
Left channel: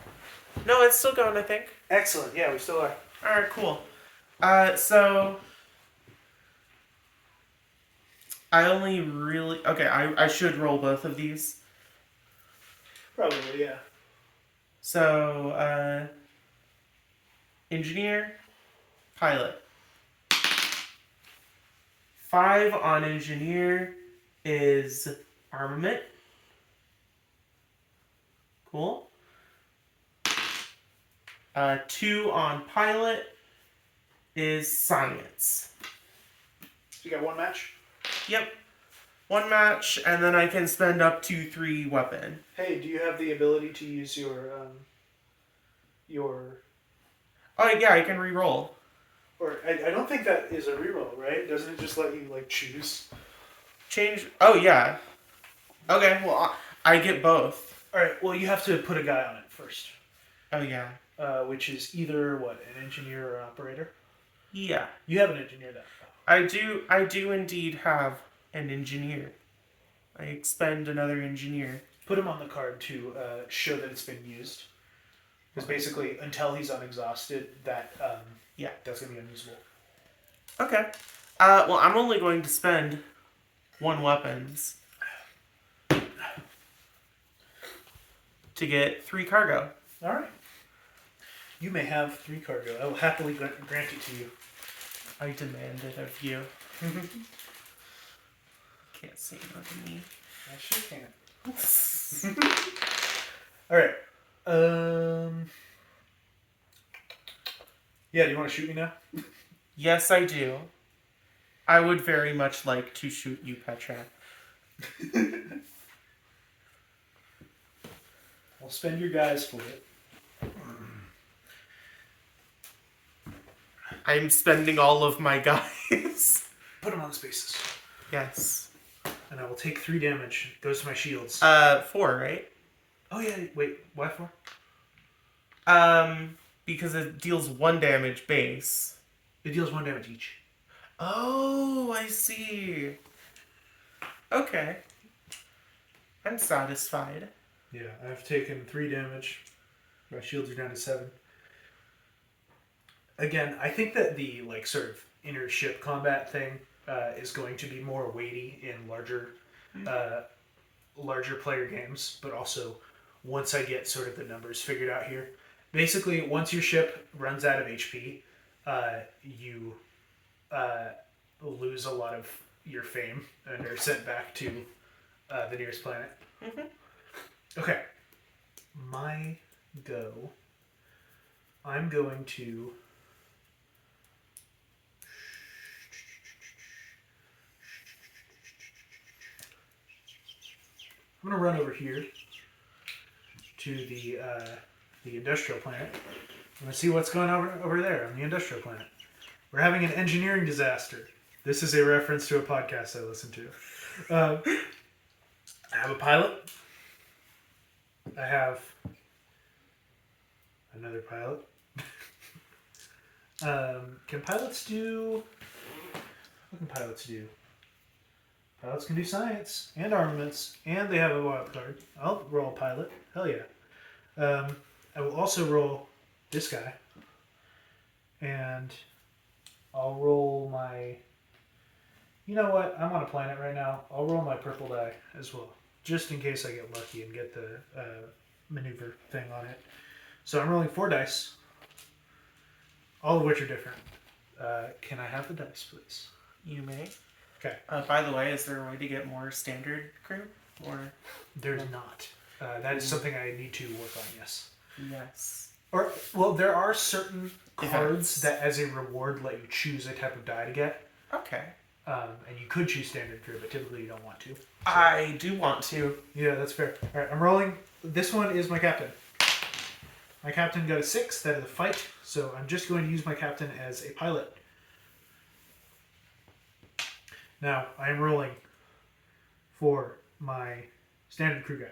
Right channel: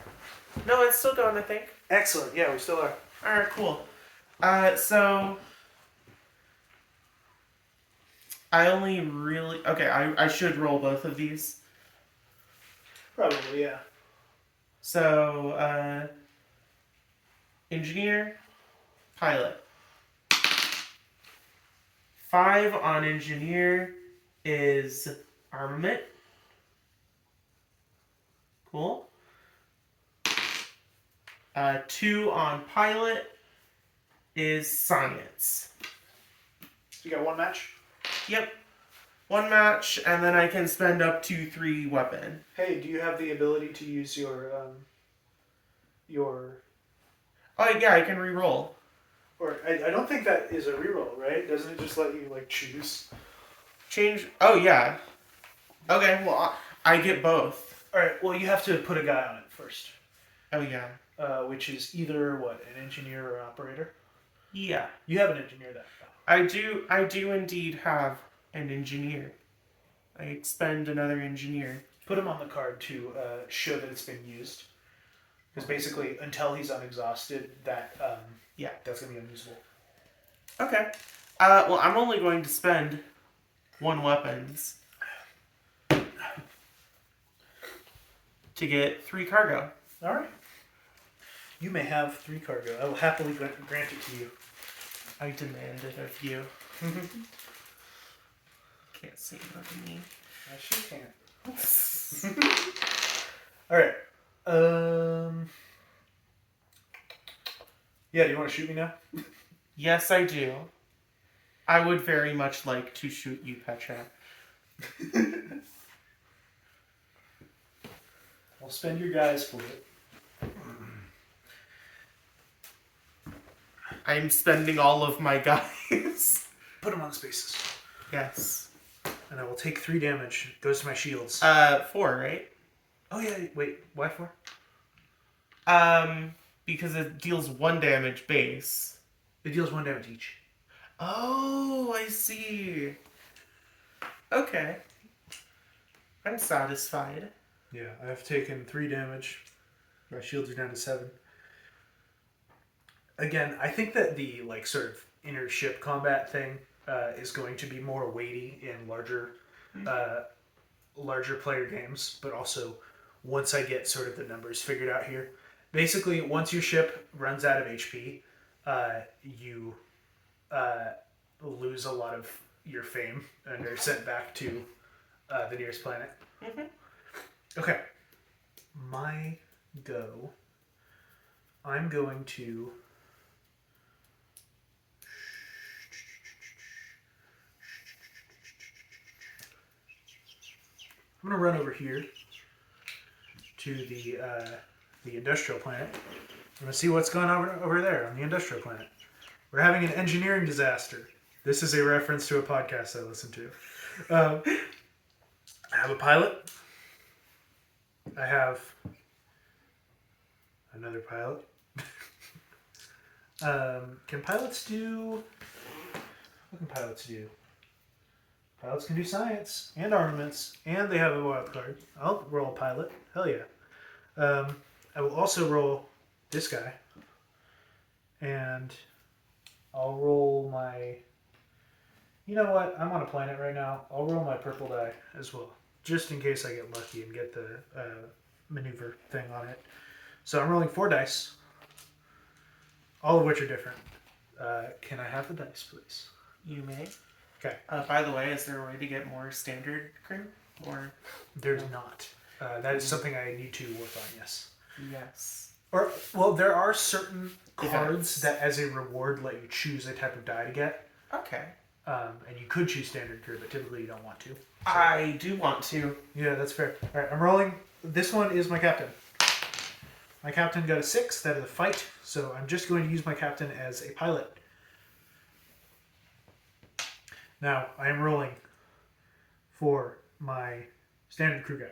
No, it's still going, I think. Excellent. Yeah, we still are. Alright, cool. So I only really I should roll both of these. Probably, yeah. So engineer, pilot. 5 on engineer is armament. Cool. 2 on pilot is science. You got 1 match? Yep. 1 match, and then I can spend up to 3 weapon. Hey, do you have the ability to use your? Oh yeah, I can reroll. Or I don't think that is a reroll, right? Doesn't it just let you like choose? Change. Oh yeah. Okay. Well, I get both. All right. Well, you have to put a guy on it first, Oh yeah. which is either what, an engineer or operator. Yeah. You have an engineer that. I do indeed have an engineer. I expend another engineer. Put him on the card to show that it's been used. Because basically, until he's unexhausted, that's gonna be unusable. Okay. Well, I'm only going to spend 1 weapons to get 3 cargo. All right. You may have 3 cargo. I will happily grant it to you. I demand it of you. Can't see me. I sure can't. All right. Yeah. Do you want to shoot me now? Yes, I do. I would very much like to shoot you, Petra. I'll spend your guys for it. I'm spending all of my guys. Put them on spaces. Yes. And I will take 3 damage. It goes to my shields. 4, right? Oh yeah. Wait. Why 4? Because it deals 1 damage base. It deals 1 damage each. Oh, I see. Okay. I'm satisfied. Yeah, I've taken 3 damage. My shields are down to 7. Again, I think that the like sort of inner ship combat thing is going to be more weighty in larger player games, but also once I get sort of the numbers figured out here. Basically, once your ship runs out of HP, you lose a lot of your fame and are sent back to the nearest planet. Mm-hmm. Okay. My go. I'm going to. I'm going to run over here to the industrial planet. I'm going to see what's going on over there on the industrial planet. We're having an engineering disaster. This is a reference to a podcast I listen to. I have a pilot. I have another pilot. Can pilots do... What can pilots do? Pilots can do science and armaments, and they have a wild card. I'll roll a pilot. Hell yeah. I will also roll this guy. And I'll roll my... You know what? I'm on a planet right now. I'll roll my purple die as well. Just in case I get lucky and get the maneuver thing on it. So I'm rolling 4 dice. All of which are different. Can I have the dice, please? You may. Okay. By the way, is there a way to get more standard crew? Or There's not. That is something I need to work on, yes. yes. Or, well, there are certain cards that as a reward let you choose a type of die to get. Okay. And you could choose standard crew, but typically you don't want to. So. I do want to. Yeah, that's fair. Alright, I'm rolling. This one is my captain. My captain got a 6. That is a fight. So I'm just going to use my captain as a pilot. Now, I am rolling for my standard crew guy.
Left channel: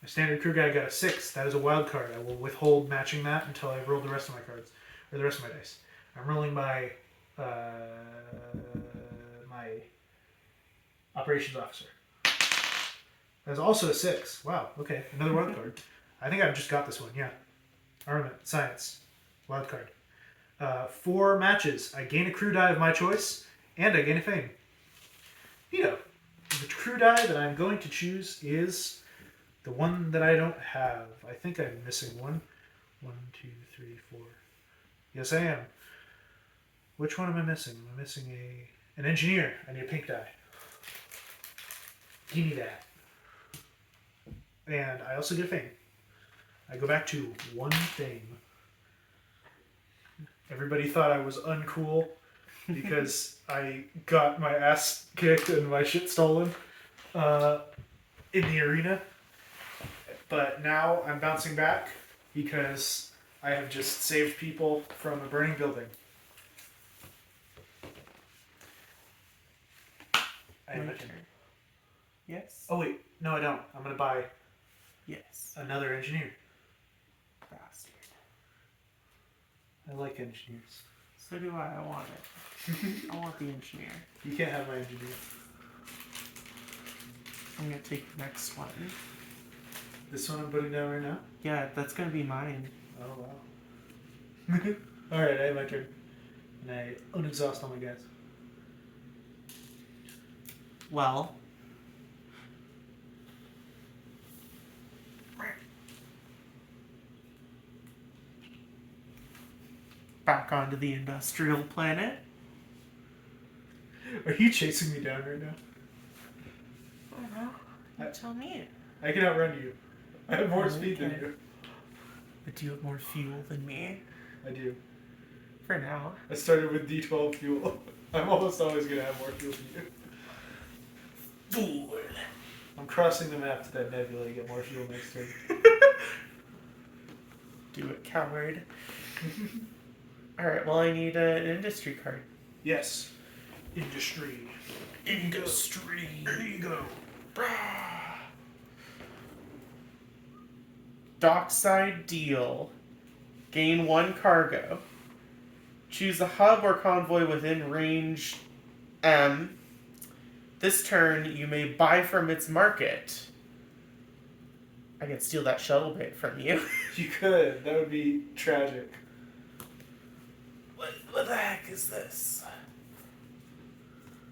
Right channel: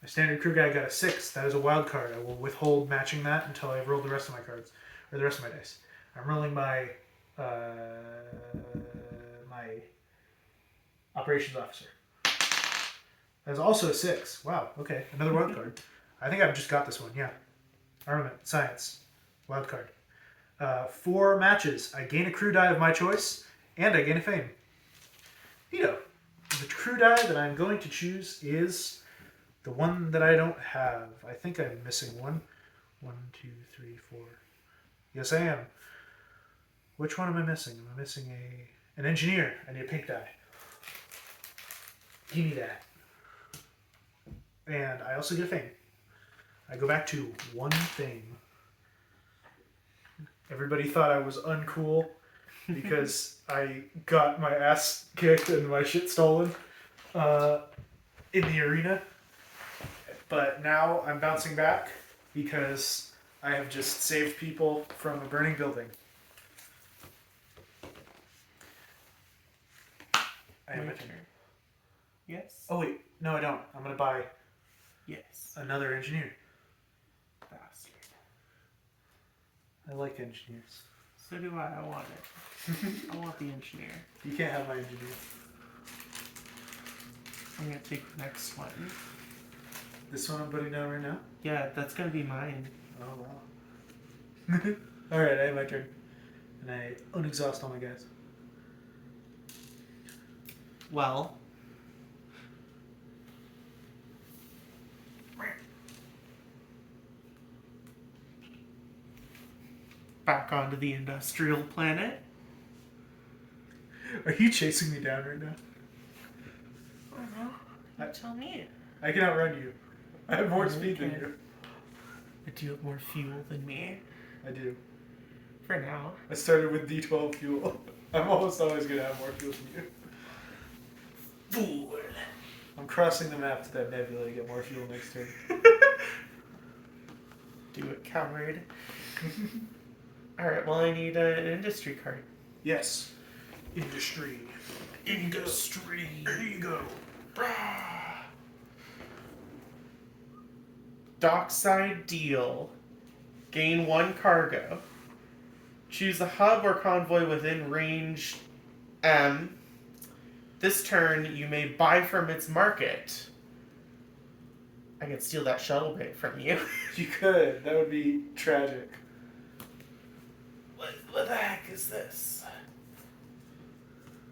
My standard crew guy got a 6. That is a wild card. I will withhold matching that until I roll the rest of my cards. Or the rest of my dice. I'm rolling my my operations officer. That is also a 6. Wow, okay. Another wild card. I think I've just got this one, yeah. Armament, science, wild card. 4 matches. I gain a crew die of my choice, and I gain a fame. Neato. The crew die that I'm going to choose is the one that I don't have. I think I'm missing one. 1, 2, 3, 4. Yes, I am. Which one am I missing? Am I missing an engineer? I need a pink die. Give me that. And I also get a fame. I go back to 1 fame. Everybody thought I was uncool because I got my ass kicked and my shit stolen in the arena. But now I'm bouncing back because I have just saved people from a burning building. I have Your a turn. Yes. Oh wait, no I don't. I'm gonna buy Yes. another engineer. Bastard. I like engineers. So do I. I want it. I want the engineer. You can't have my engineer. I'm gonna take the next one. This one I'm putting down right now? Yeah, that's gonna be mine. Oh wow. Alright, I have my turn. And I unexhaust all my guys. Well. Back onto the industrial planet. Are you chasing me down right now? I don't know. You tell me. I can outrun you. I have more Oh, speed than okay. you. But do you have more fuel than me? I do. For now. I started with D12 fuel. I'm almost always gonna have more fuel than you. Fool. I'm crossing the map to that nebula to get more fuel next turn. Do it, coward. Alright, well, I need an industry card. Yes. Industry. Industry. There you go. Dockside deal. Gain 1 cargo. Choose a hub or convoy within range M. This turn, you may buy from its market. I can steal that shuttle bit from you. You could. That would be tragic. What the heck is this?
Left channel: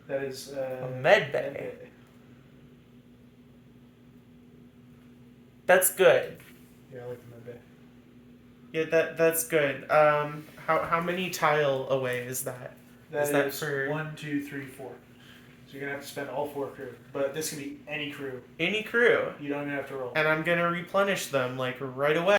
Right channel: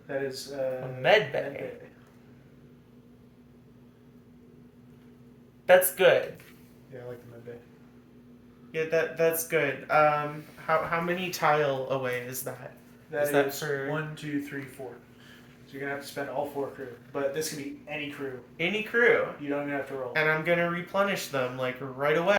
That is A med bay. That's good. Yeah, I like the med bay. Yeah, that's good. How many tile away is that? That Is that is for- 1, 2, 3, 4. So you're gonna have to spend all 4 crew. But this can be any crew. Any crew. You don't even have to roll. And I'm gonna replenish them like right away.